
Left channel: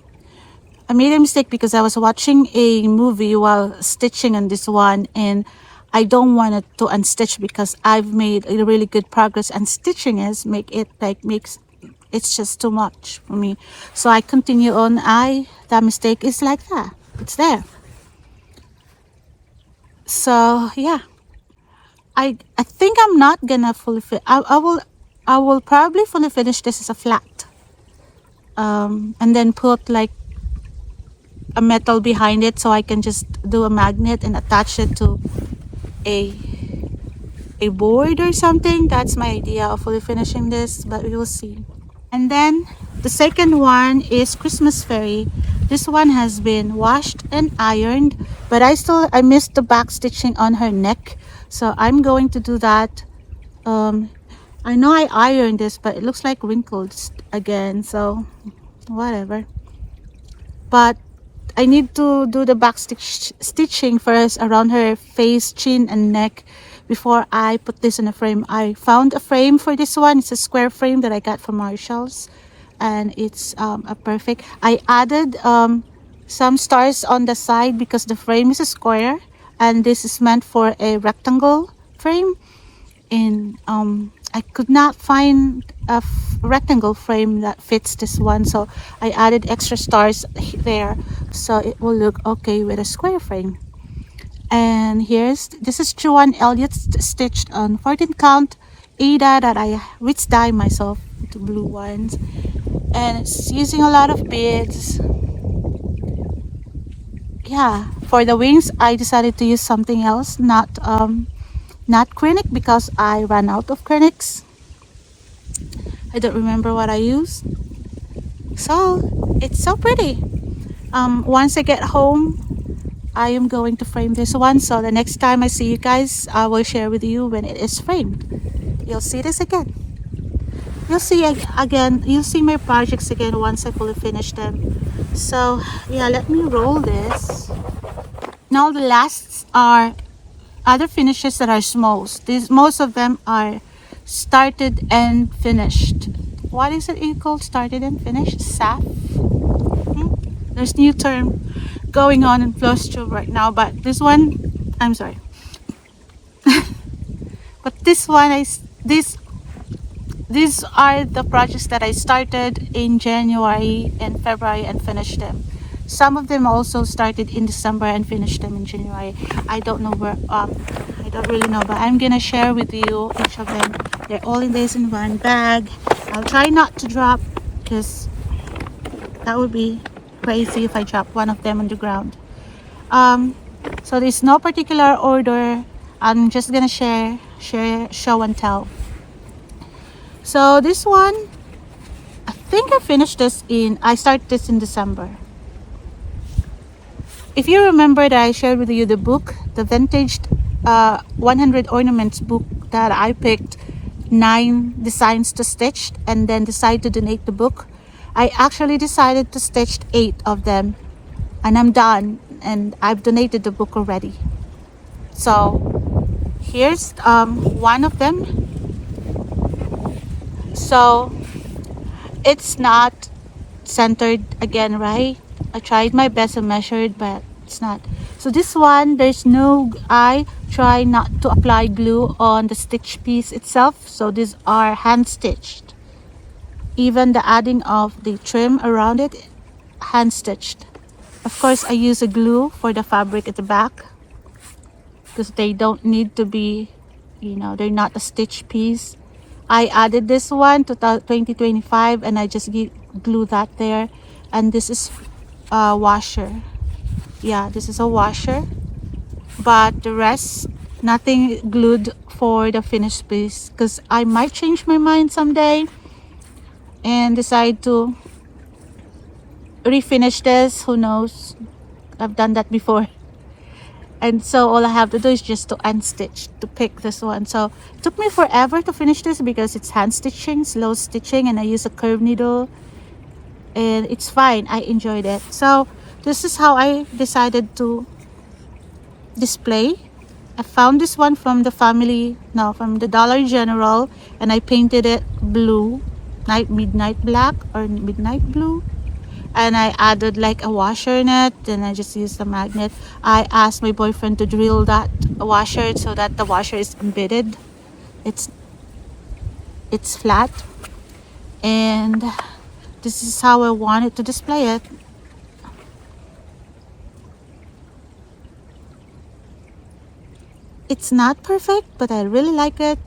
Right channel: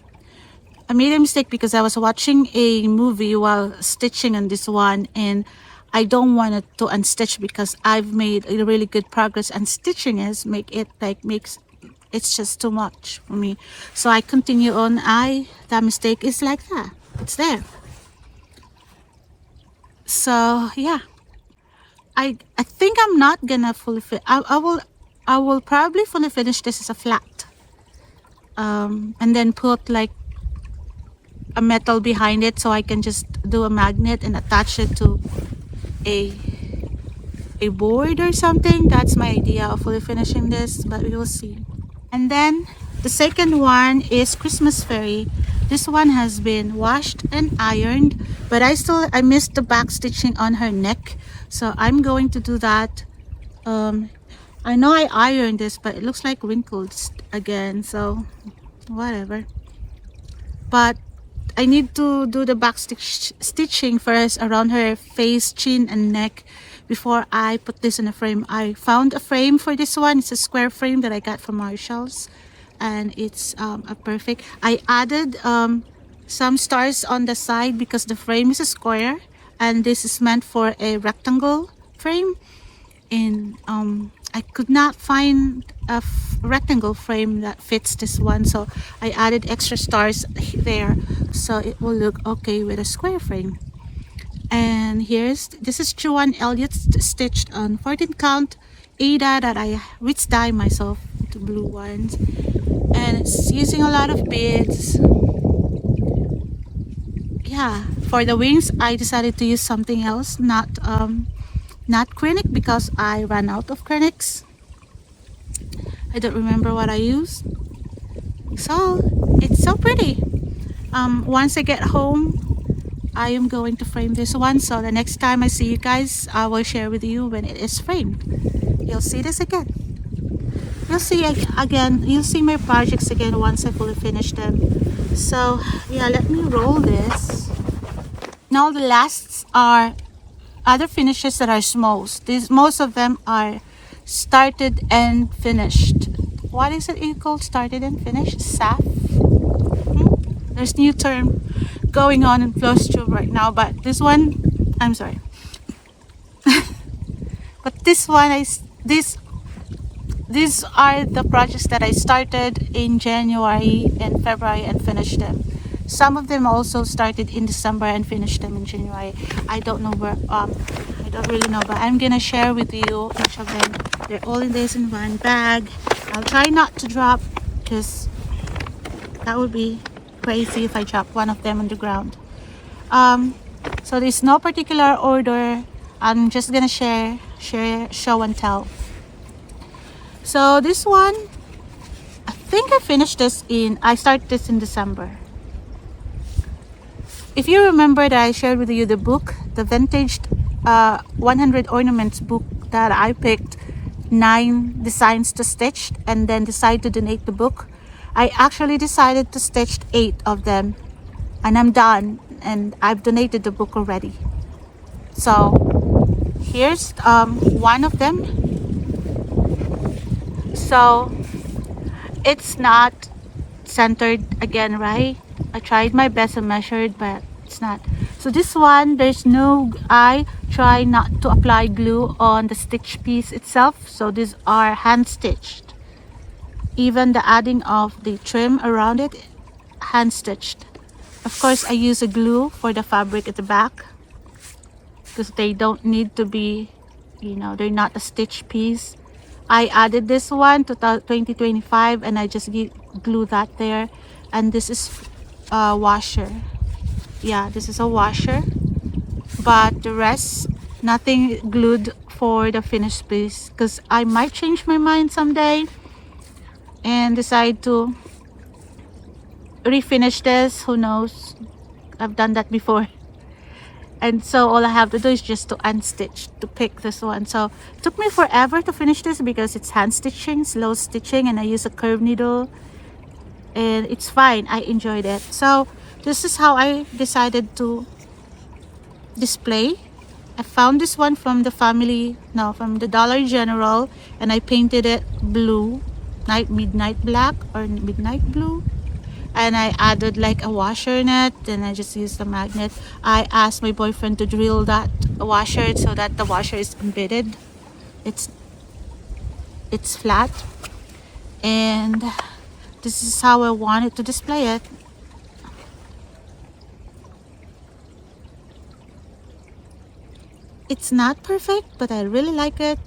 I made a mistake because I was watching a movie while stitching on this one, and I don't want to unstitch because I've made a really good progress, and stitching is it's just too much for me. So I continue on. That mistake is like that. It's there. So yeah, I think I'm not gonna fully fit. I will probably fully finish this as a flat, and then put like a metal behind it so I can just do a magnet and attach it to a board or something. That's my idea of fully finishing this, but we will see. And then the second one is Christmas Fairy. This one has been washed and ironed, But I missed the back stitching on her neck, so I'm going to do that. I know I ironed this, but it looks like wrinkles again, so whatever. But I need to do the back stitching first around her face, chin, and neck before I put this in a frame. I found a frame for this one. It's a square frame that I got from Marshalls, and it's a perfect. I added some stars on the side because the frame is a square, and this is meant for a rectangle frame. And I could not find a rectangle frame that fits this one, so I added extra stars there so it will look okay with a square frame. And this is Joanne Elliott stitched on 14 count Ada that I ritz dye myself, the blue ones, and it's using a lot of beads. Yeah, for the wings I decided to use something else, not Krennic, because I ran out of Krennics. I don't remember what I used. So it's so pretty. Once I get home, I am going to frame this one. So the next time I see you guys, I will share with you when it is framed. You'll see this again. You'll see again. You'll see my projects again once I fully finish them. So yeah, let me roll this. Now the lasts are other finishes that are smalls. Most of them are started and finished. What is it called? Started and finished? SAF? There's new term going on in Flosstube right now, but this one, I'm sorry. But this one, these are the projects that I started in January and February and finished them. Some of them also started in December and finished them in January. I don't know where, I don't really know, but I'm gonna share with you each of them. They're all in this in one bag. I'll try not to drop, because that would be crazy if I drop one of them on the ground. So there's no particular order. I'm just gonna share, show and tell. So this one, I think I finished this I started this in December. If you remember that I shared with you the book, the vintage 100 ornaments book that I picked 9 designs to stitch and then decided to donate the book, I actually decided to stitch 8 of them, and I'm done, and I've donated the book already. So here's one of them. So it's not centered again, right? I tried my best and measured, but it's not. So this one, I try not to apply glue on the stitch piece itself, so these are hand stitched. Even the adding of the trim around it, hand stitched. Of course, I use a glue for the fabric at the back, because they don't need to be, they're not a stitch piece. I added this one to 2025, and I just glue that there. And this is a washer. Yeah, this is a washer, but the rest, nothing glued for the finished piece, because I might change my mind someday and decide to refinish this. Who knows? I've done that before. And so all I have to do is just to unstitch, to pick this one. So it took me forever to finish this because it's hand stitching, slow stitching, and I use a curved needle, and it's fine. I enjoyed it. So this is how I decided to display. I found this one from the Dollar General, and I painted it blue, midnight black or midnight blue. And I added like a washer in it, and I just used a magnet. I asked my boyfriend to drill that washer so that the washer is embedded. It's flat, and this is how I wanted to display it. It's not perfect, but I really like it.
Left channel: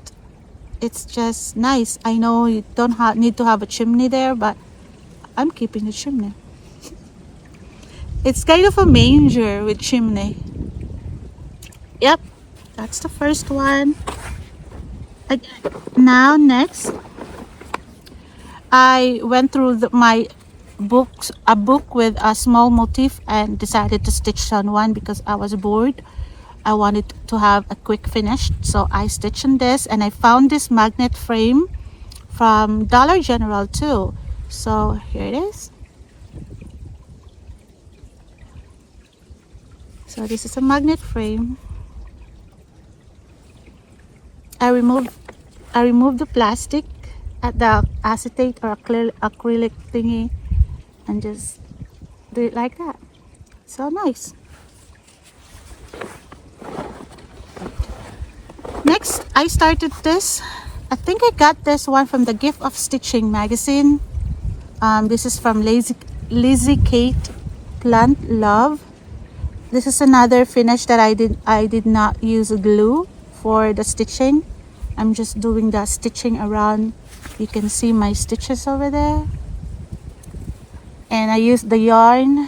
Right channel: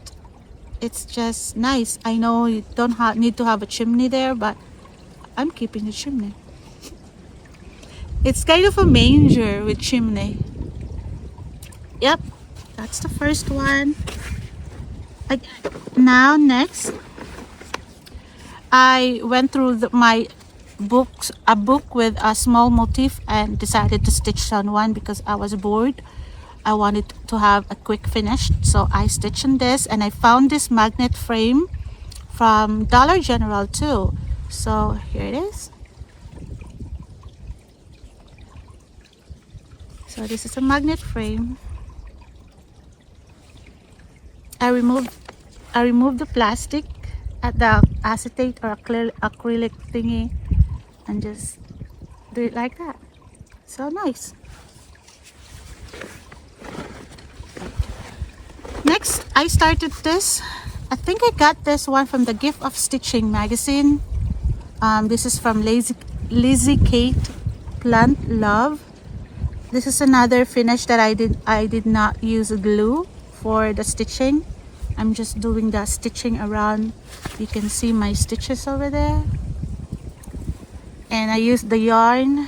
It's just nice. I know you don't need to have a chimney there, but I'm keeping the chimney. It's kind of a manger with chimney. Yep, that's the first one. Now next, I went through my a book with a small motif and decided to stitch on one because I was bored. I wanted to have a quick finish, so I stitched in this, and I found this magnet frame from Dollar General too. So here it is. So this is a magnet frame. I removed the plastic at the acetate or acrylic thingy and just do it like that. So nice. Next, I started this. I think I got this one from the Gift of Stitching magazine. This is from Lizzie Kate Plant Love. This is another finish that I did not use glue for the stitching. I'm just doing the stitching around. You can see my stitches over there. And I used the yarn.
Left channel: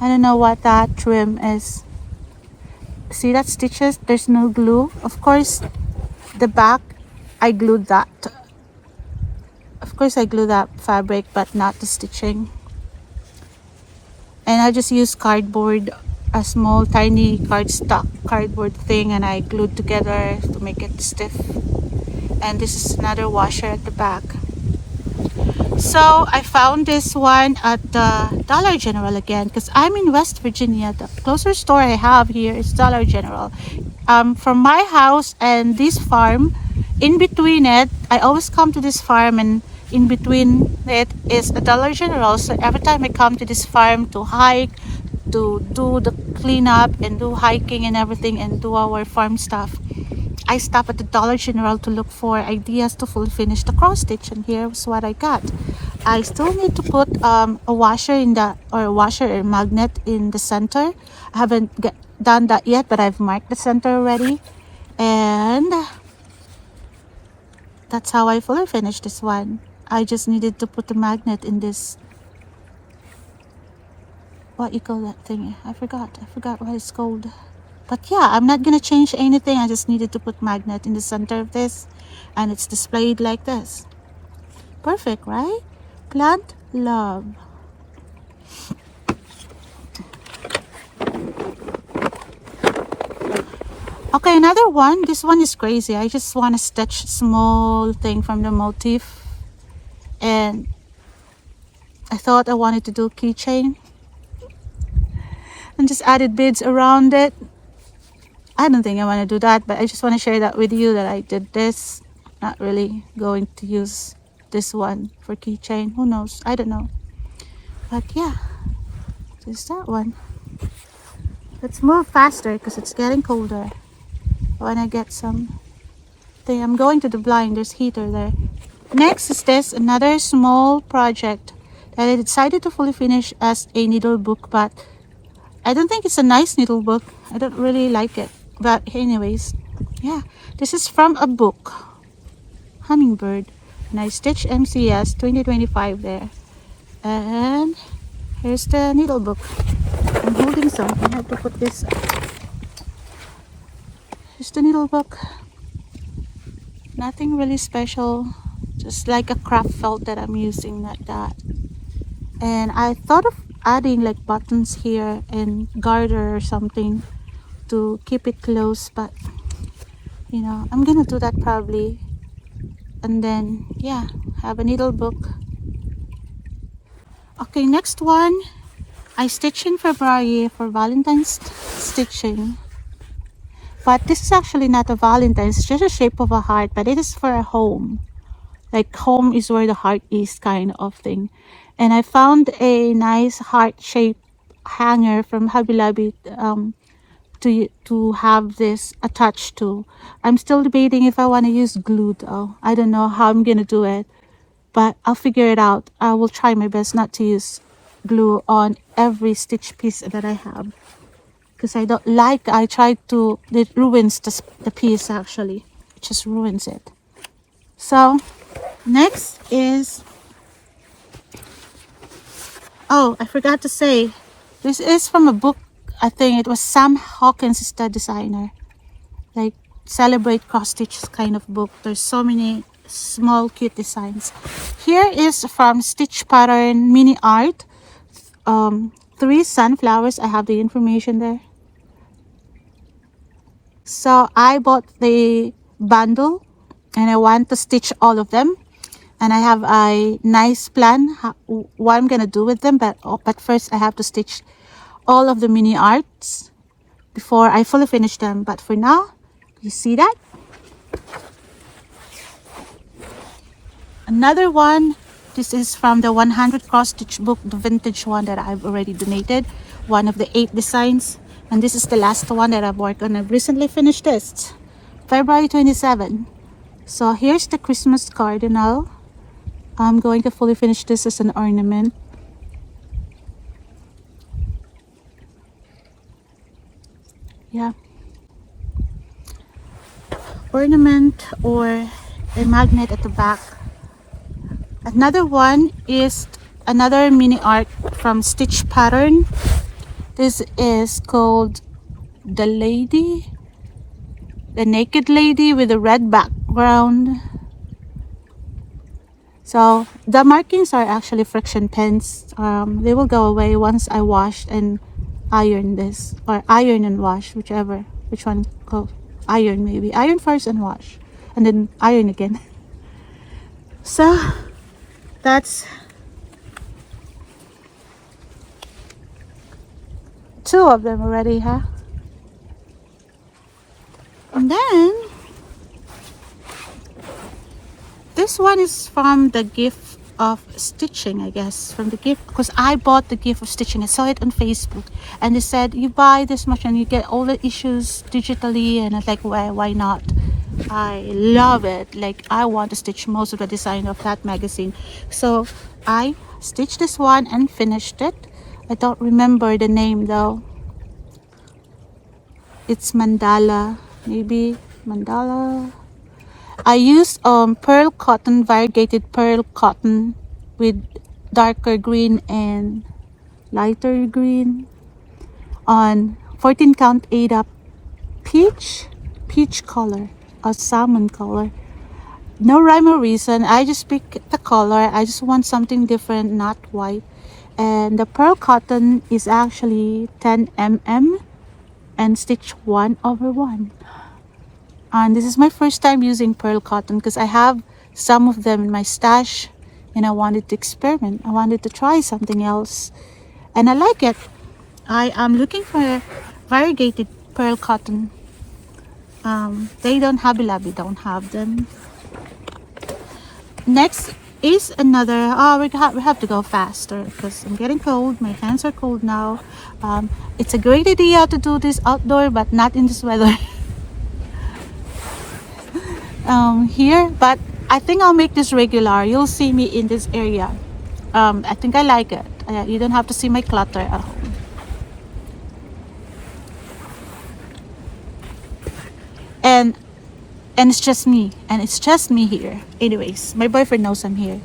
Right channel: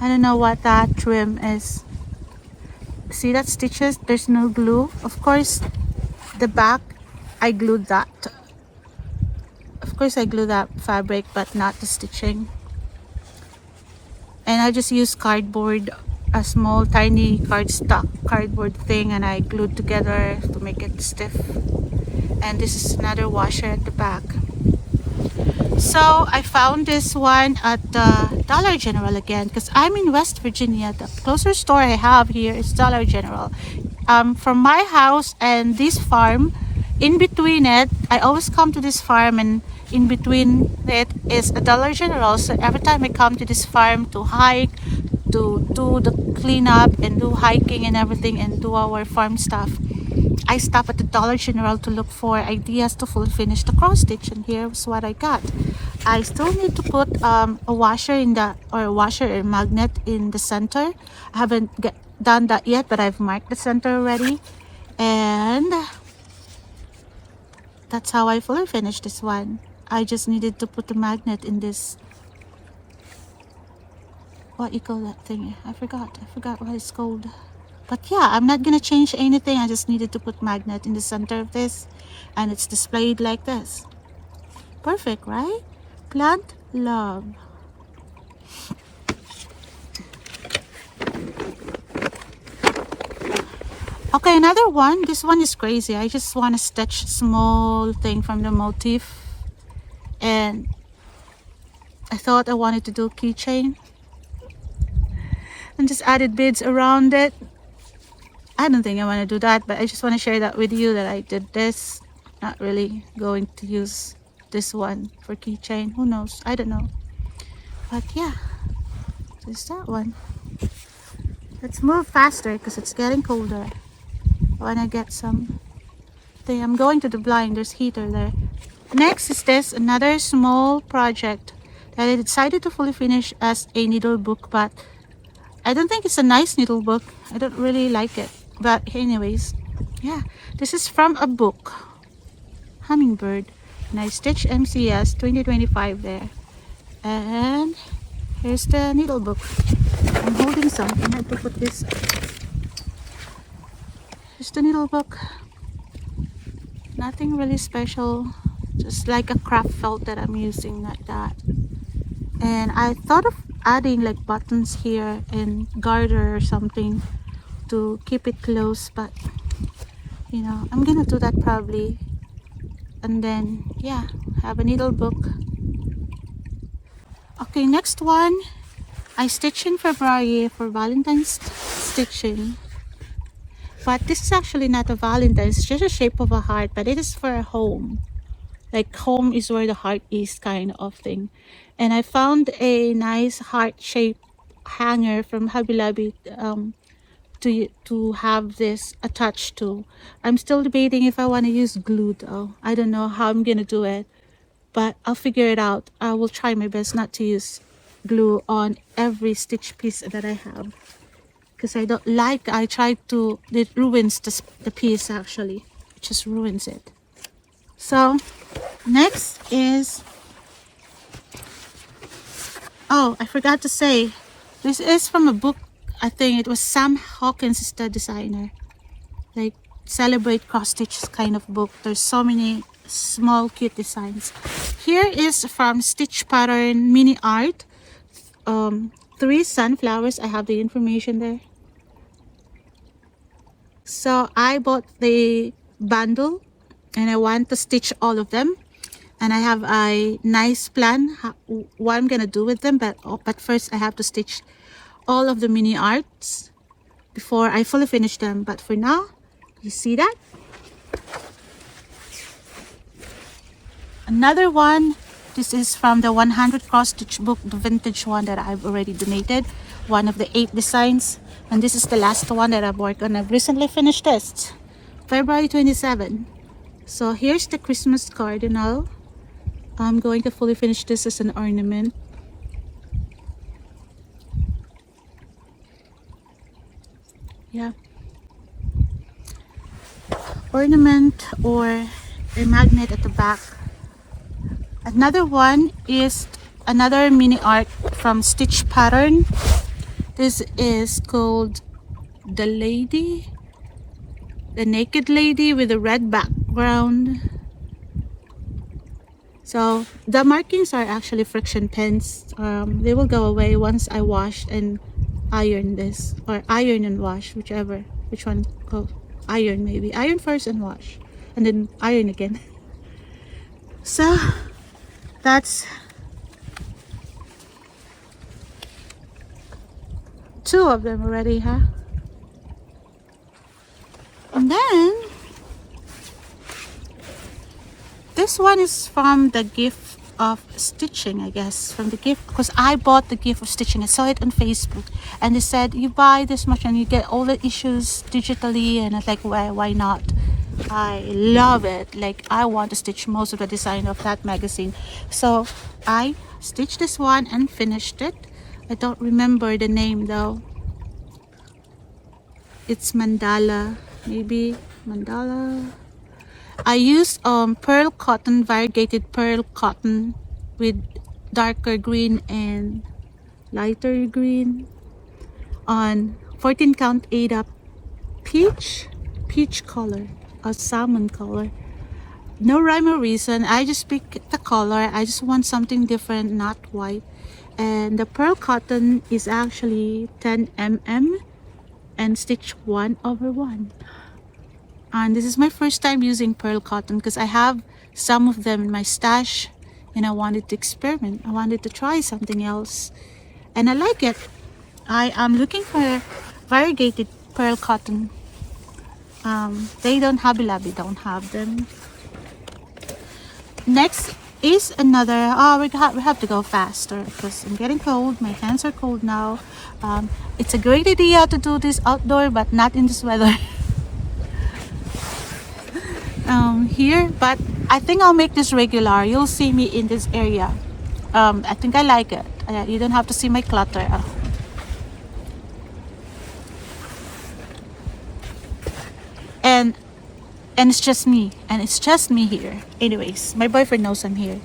I don't know what that trim is. See that stitches? There's no glue. Of course, the back, I glued that. Of course, I glued that fabric, but not the stitching. And I just used cardboard, a small tiny cardboard thing, and I glued together to make it stiff. And this is another washer at the back. So I found this one at the Dollar General again because I'm in West Virginia. The closest store I have here is Dollar General. From my house and this farm, in between it, I always come to this farm, and in between it is a Dollar General. So every time I come to this farm to hike, to do the cleanup and do hiking and everything and do our farm stuff, I stop at the Dollar General to look for ideas to full finish the cross stitch, and here's what I got. I still need to put a washer in the, or a washer or magnet in the center. I haven't done that yet, but I've marked the center already, and that's how I fully finished this one. I just needed to put the magnet in this, what you call that thing? I forgot what it's called. But yeah, I'm not gonna change anything. I just needed to put magnet in the center of this, and it's displayed like this. Perfect, right? Plant Love. Okay, another one. This one is crazy. I just want to stitch small thing from the motif, and I thought I wanted to do keychain and just added beads around it. I don't think I want to do that, but I just want to share that with you that I did this. Not really going to use this one for keychain. Who knows? I don't know. But yeah, there's that one. Let's move faster because it's getting colder. I want to get some thing. I'm going to the blind. There's heater there. Next is this, another small project that I decided to fully finish as a needle book, but I don't think it's a nice needle book. I don't really like it. But anyways, yeah, this is from a book, Hummingbird, and I stitched MCS 2025 there. And here's the needle book. I'm holding something. How to put this up. Here's the needle book. Nothing really special, just like a craft felt that I'm using, like that. And I thought of adding like buttons here and garter or something to keep it close, but you know, I'm gonna do that probably, and then yeah, have a needle book. Okay, next one, I stitched in February for Valentine's stitching, but this is actually not a Valentine's, it's just a shape of a heart, but it is for a home, like home is where the heart is kind of thing. And I found a nice heart shape hanger from Hobby Lobby to have this attached to. I'm still debating if I want to use glue though. I don't know how I'm gonna do it, but I'll figure it out. I will try my best not to use glue on every stitch piece that I have, because I don't like, I tried to, it ruins the piece actually. It just ruins it. So next is, oh, I forgot to say, this is from a book. I think it was Sam Hawkins is the designer. Like Celebrate Cross Stitch kind of book. There's so many small cute designs. Here is from Stitch Pattern Mini Art. 3 sunflowers. I have the information there. So I bought the bundle and I want to stitch all of them. And I have a nice plan what I'm gonna do with them, but first I have to stitch all of the mini arts before I fully finish them. But for now, you see that? Another one, this is from the 100 cross stitch book, the vintage one that I've already donated, one of the 8 designs, and this is the last one that I've worked on. I've recently finished this, February 27. So here's the Christmas cardinal. I'm going to fully finish this as an ornament. Yeah, ornament or a magnet at the back. Another one is another mini art from Stitch Pattern. This is called the naked lady with a red background. So the markings are actually friction pens. They will go away once I wash and iron this, or iron and wash, which one called iron, maybe iron first and wash and then iron again. So that's 2 of them already, huh? And then this one is from the gift of stitching, I guess, from the gift, because I bought the gift of stitching. I saw it on Facebook and they said you buy this much and you get all the issues digitally, and I was like, why not? I love it. Like, I want to stitch most of the design of that magazine. So I stitched this one and finished it. I don't remember the name though. It's mandala, maybe mandala. I used pearl cotton, variegated pearl cotton with darker green and lighter green on 14 count 8 up peach color or salmon color. No rhyme or reason, I just picked the color. I just want something different, not white. And the pearl cotton is actually 10 mm and stitch 1/1. And this is my first time using pearl cotton because I have some of them in my stash and I wanted to experiment. I wanted to try something else and I like it. I am looking for variegated pearl cotton. They don't, Hobby Lobby don't have them. Next is another, we have to go faster because I'm getting cold. My hands are cold now. It's a great idea to do this outdoor, but not in this weather. Here, but I think I'll make this regular. You'll see me in this area. I think I like it. You don't have to see my clutter at home. And it's just me, here. Anyways, my boyfriend knows I'm here.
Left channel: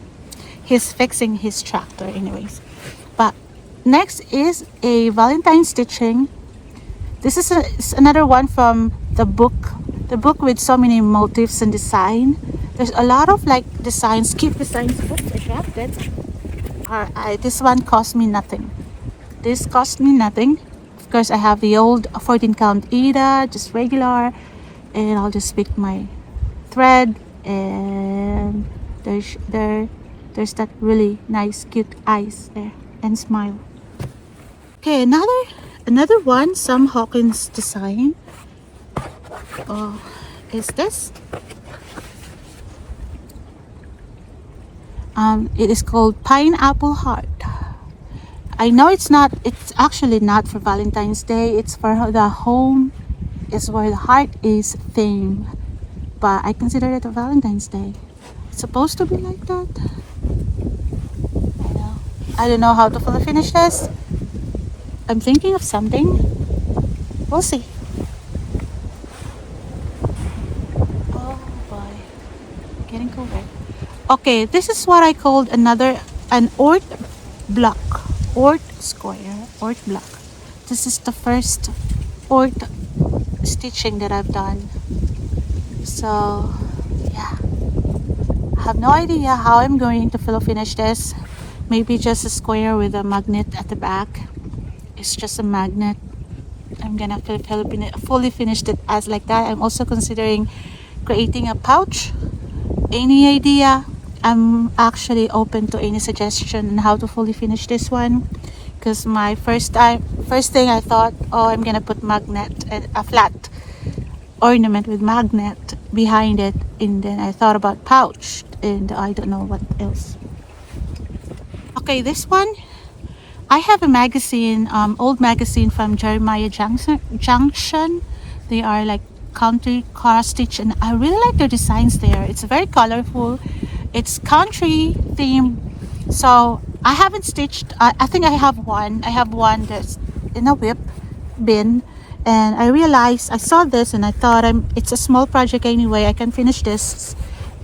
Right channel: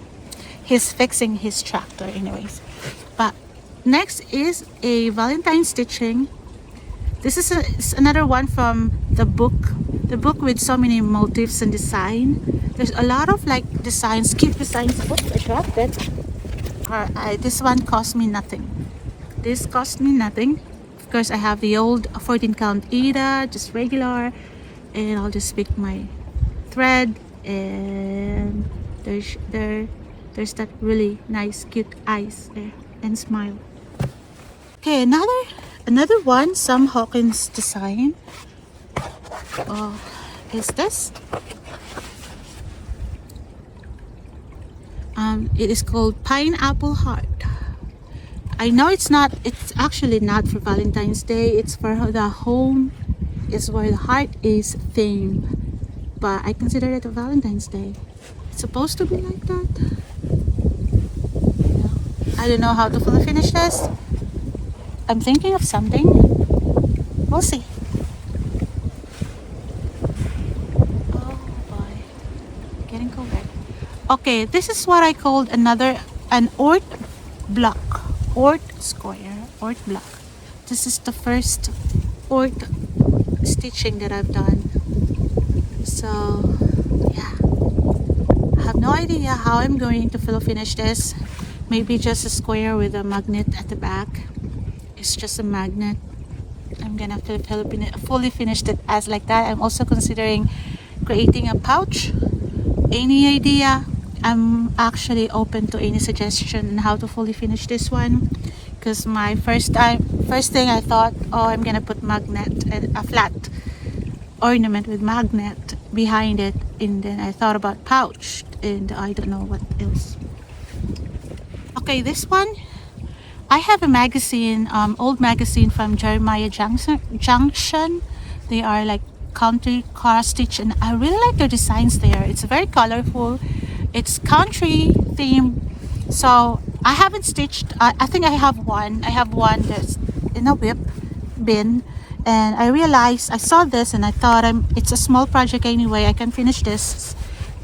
He's fixing his tractor anyways. But next is a Valentine stitching. This is another one from the book with so many motifs and design. There's a lot of like designs, cute designs. Oops, I dropped it. This one cost me nothing. This cost me nothing. Of course, I have the old 14 count Ada, just regular, and I'll just pick my thread, and there's that really nice cute eyes there and smile. Okay, another one, Sam Hawkins design. Is this? It is called Pineapple Heart. I know it's actually not for Valentine's Day. It's for the home, is where the heart is thing. But I consider it a Valentine's Day. It's supposed to be like that. I don't know how to fully finish this. I'm thinking of something. We'll see. Oh boy, getting colder. Okay, this is what I called an Ort block, Ort square, Ort block. This is the first Ort stitching that I've done. So yeah, have no idea how I'm going to finish this. Maybe just a square with a magnet at the back. It's just a magnet. I'm gonna fully finish it as like that. I'm also considering creating a pouch. Any idea? I'm actually open to any suggestion on how to fully finish this one. Because my first thing I thought, oh, I'm gonna put magnet and a flat ornament with magnet behind it, and then I thought about pouch, and I don't know what else. Okay, this one, I have a magazine, old magazine from Jeremiah Junction. They are like country cross stitch, and I really like the designs there. It's very colorful. It's country theme. So I haven't stitched. I think I have one. I have one that's in a whip bin, and I realized I saw this and I thought it's a small project anyway. I can finish this,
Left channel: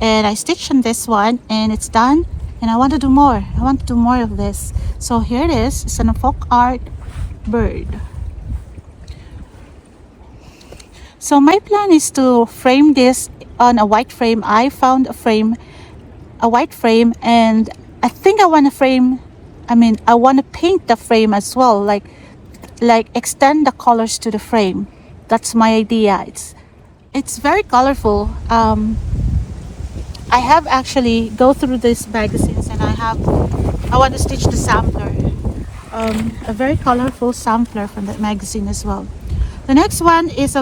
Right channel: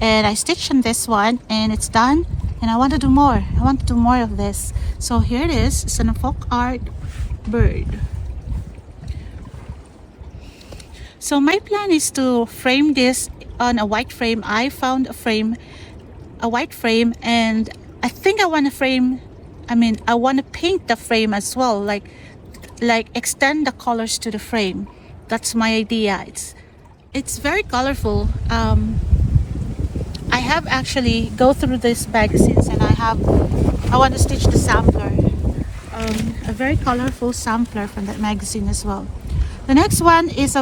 and I stitched in this one, and it's done. And I want to do more. I want to do more of this. So here it is. It's an folk art bird. So my plan is to frame this on a white frame. I found a white frame, and I think I want to I want to paint the frame as well, like extend the colors to the frame. That's my idea. It's very colorful. I have actually go through these magazines, and I want to stitch the sampler, a very colorful sampler from that magazine as well. The next one is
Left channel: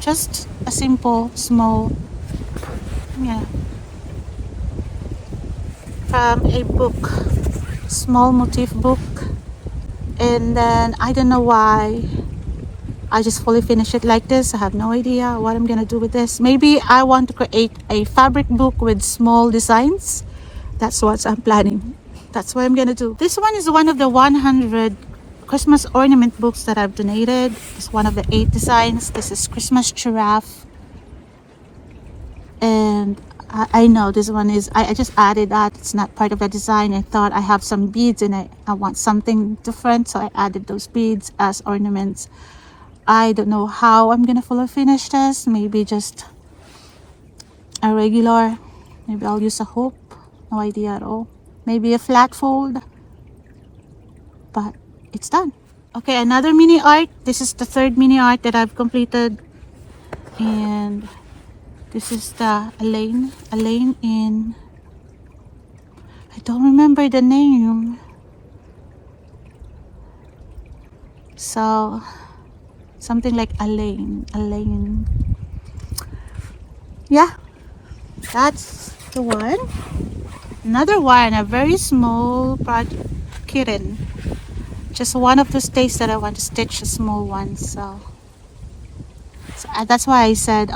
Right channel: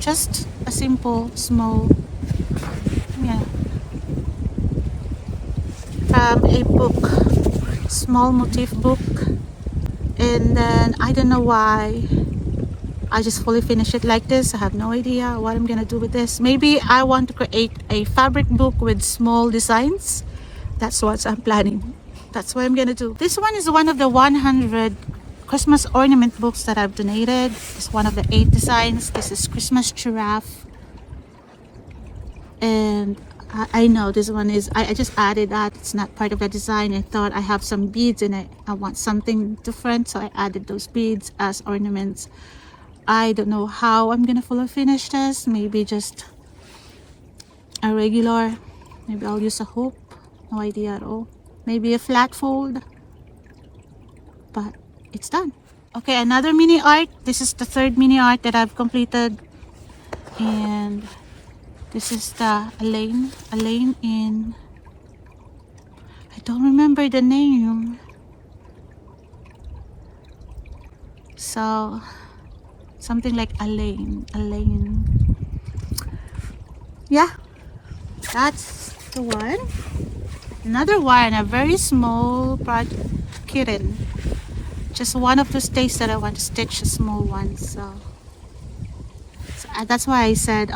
just a simple small, from a book, small motif book. And then I don't know why I just fully finish it like this. I have no idea what I'm gonna do with this. Maybe I want to create a fabric book with small designs. That's what I'm planning. That's what I'm gonna do. This one is one of the 100 Christmas ornament books that I've donated. It's one of the 8 designs. This is Christmas giraffe, and I know this one is, I just added that. It's not part of the design. I thought I have some beads in it. I want something different, so I added those beads as ornaments. I don't know how I'm gonna fully finish this. Maybe just a regular. Maybe I'll use a hoop. No idea at all. Maybe a flat fold. But it's done. Okay, another mini art. This is the 3rd mini art that I've completed. And this is the Elaine in, I don't remember the name. So something like Elaine. Yeah, that's the one. Another one, a very small kitten. Just one of those days that I want to stitch a small one. So that's why I said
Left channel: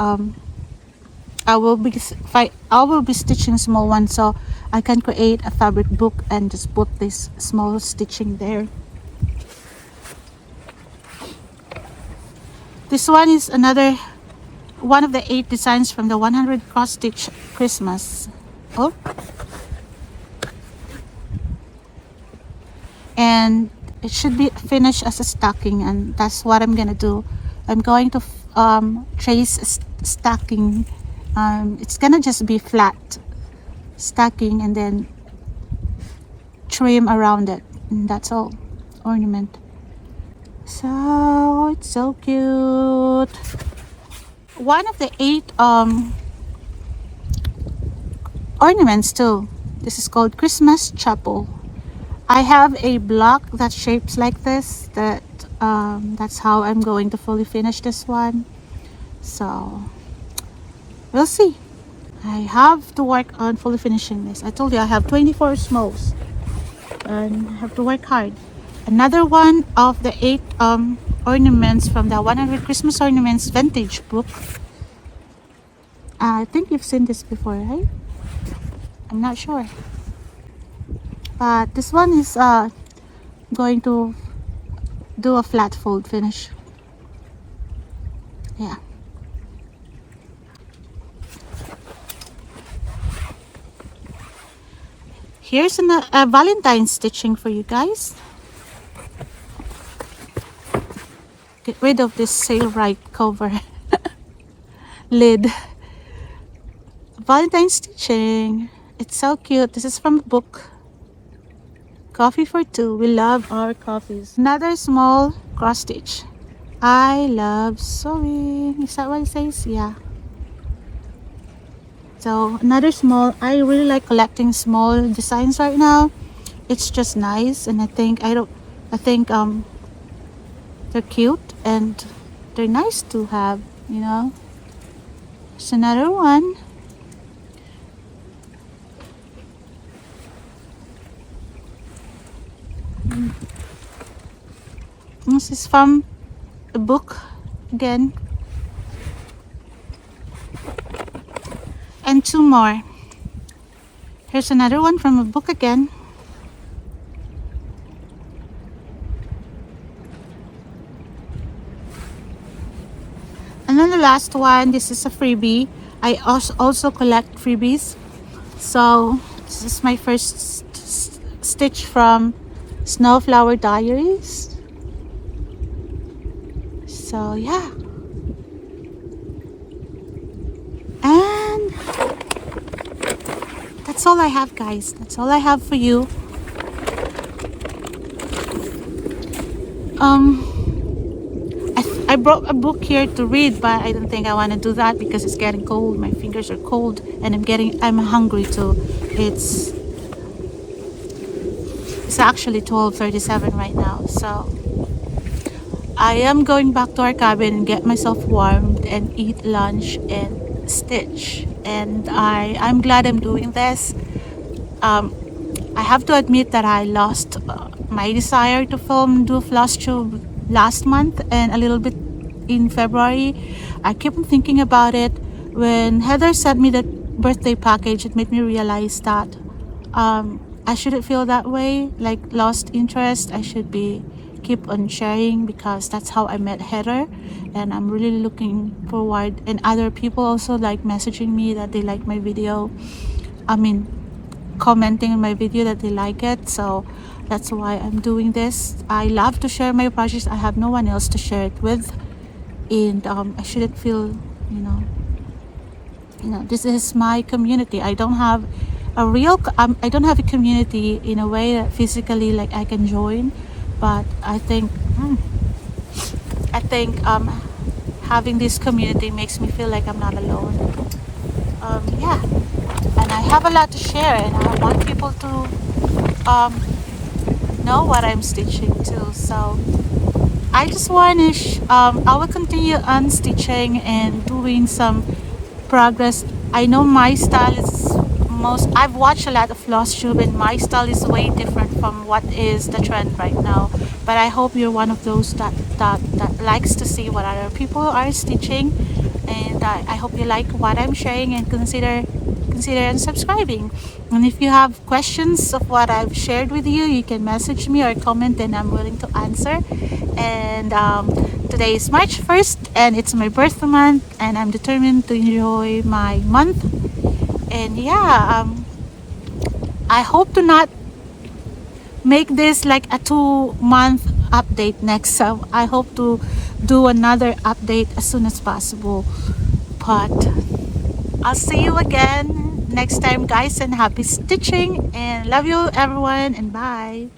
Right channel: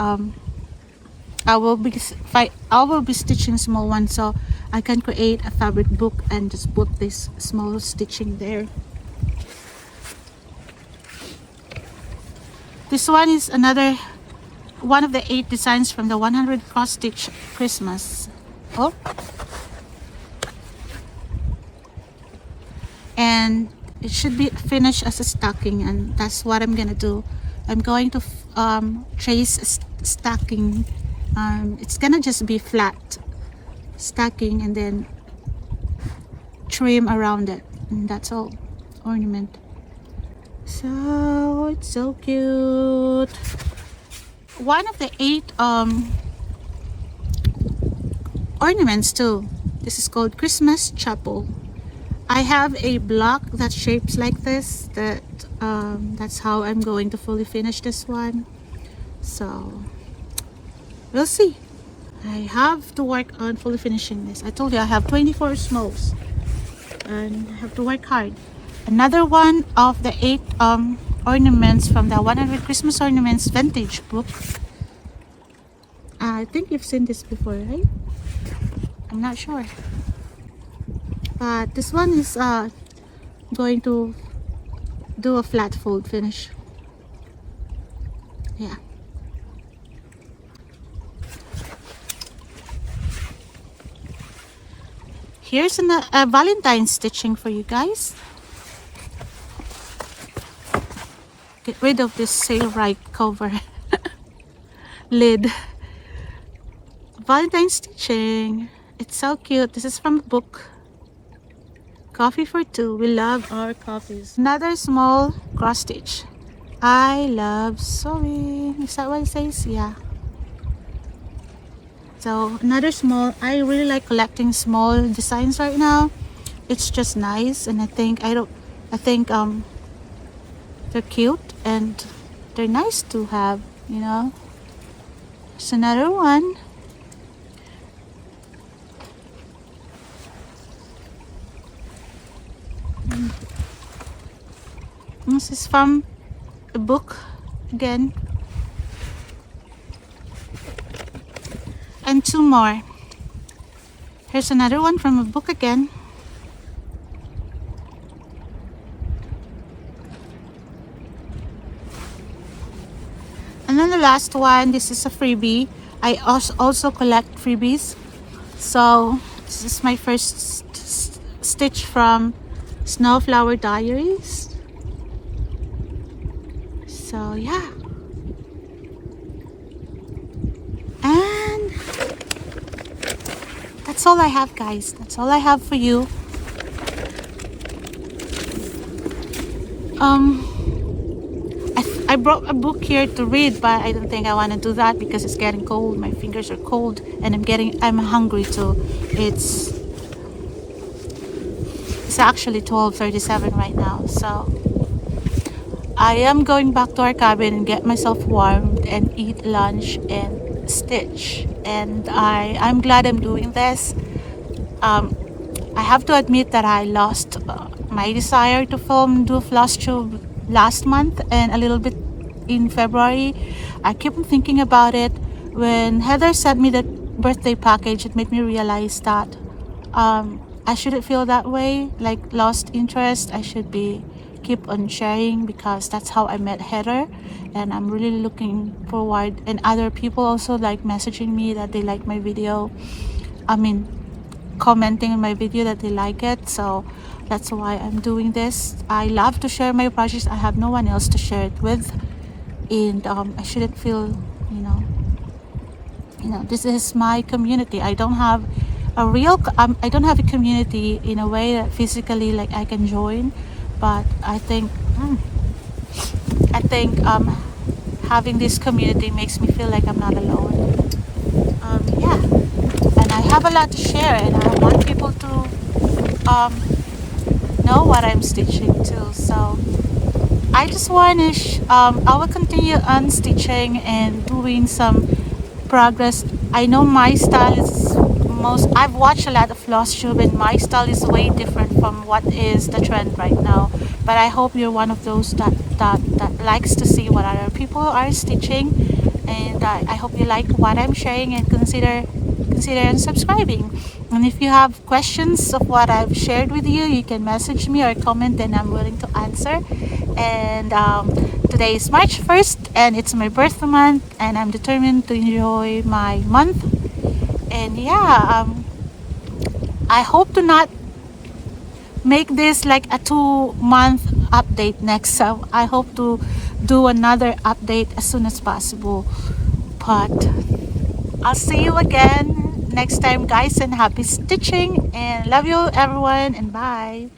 I will be stitching a small one, so I can create a fabric book and just put this small stitching there. This one is another one of the 8 designs from the 100 cross stitch Christmas book, and it should be finished as a stocking, and that's what I'm gonna do. I'm going to trace a stocking. It's gonna just be flat stocking, and then trim around it, and that's all. Ornament. So it's so cute. One of the 8 ornaments too. This is called Christmas Chapel. I have a block that shapes like this. That's how I'm going to fully finish this one. So we'll see. I have to work on fully finishing this. I told you I have 24 smalls, and I have to work hard. Another one of the 8 ornaments from the 100 Christmas Ornaments vintage book. I think you've seen this before, right? I'm not sure. But this one is going to do a flat fold finish. Yeah. Here's a Valentine's stitching for you guys. Get rid of this Sailrite cover lid. Valentine's stitching. It's so cute. This is from a book. Coffee for two. We love our coffees. Another small cross stitch. I love sewing. Is that what it says? Yeah. So another small. I really like collecting small designs right now. It's just nice, and I think they're cute and they're nice to have. You know. It's another one. This is from a book again. And two more. Here's another one from a book again. And then the last one, this is a freebie. I also collect freebies. So this is my first stitch from Snowflower Diaries. So yeah. And that's all I have, guys. That's all I have for you. I brought a book here to read, but I don't think I want to do that because it's getting cold. My fingers are cold, and I'm hungry too. It's actually 12:37 right now, so I am going back to our cabin and get myself warmed and eat lunch and stitch. And I'm glad I'm doing this. I have to admit that I lost my desire to do Flosstube last month and a little bit in February. I keep thinking about it. When Heather sent me the birthday package, it made me realize that I shouldn't feel that way, like lost interest. I should keep on sharing because that's how I met Heather, and I'm really looking forward. And other people also like messaging me that they like my video. Commenting in my video that they like it. So that's why I'm doing this. I love to share my projects. I have no one else to share it with, and I shouldn't feel, this is my community. I don't have I don't have a community in a way that physically like I can join, but I think having this community makes me feel like I'm not alone. Yeah, and I have a lot to share, and I want people to know what I'm stitching too. So I just want to I will continue on stitching and doing some progress. I know my style is I've watched a lot of Flosstube, and my style is way different from what is the trend right now. But I hope you're one of those that likes to see what other people are stitching, and I hope you like what I'm sharing and consider subscribing. And if you have questions of what I've shared with you, you can message me or comment, and I'm willing to answer. And today is March 1st, and it's my birthday month, and I'm determined to enjoy my month. And yeah, I hope to not make this like a 2-month update next. So I hope to do another update as soon as possible. But I'll see you again next time, guys, and happy stitching, and love you everyone, and bye.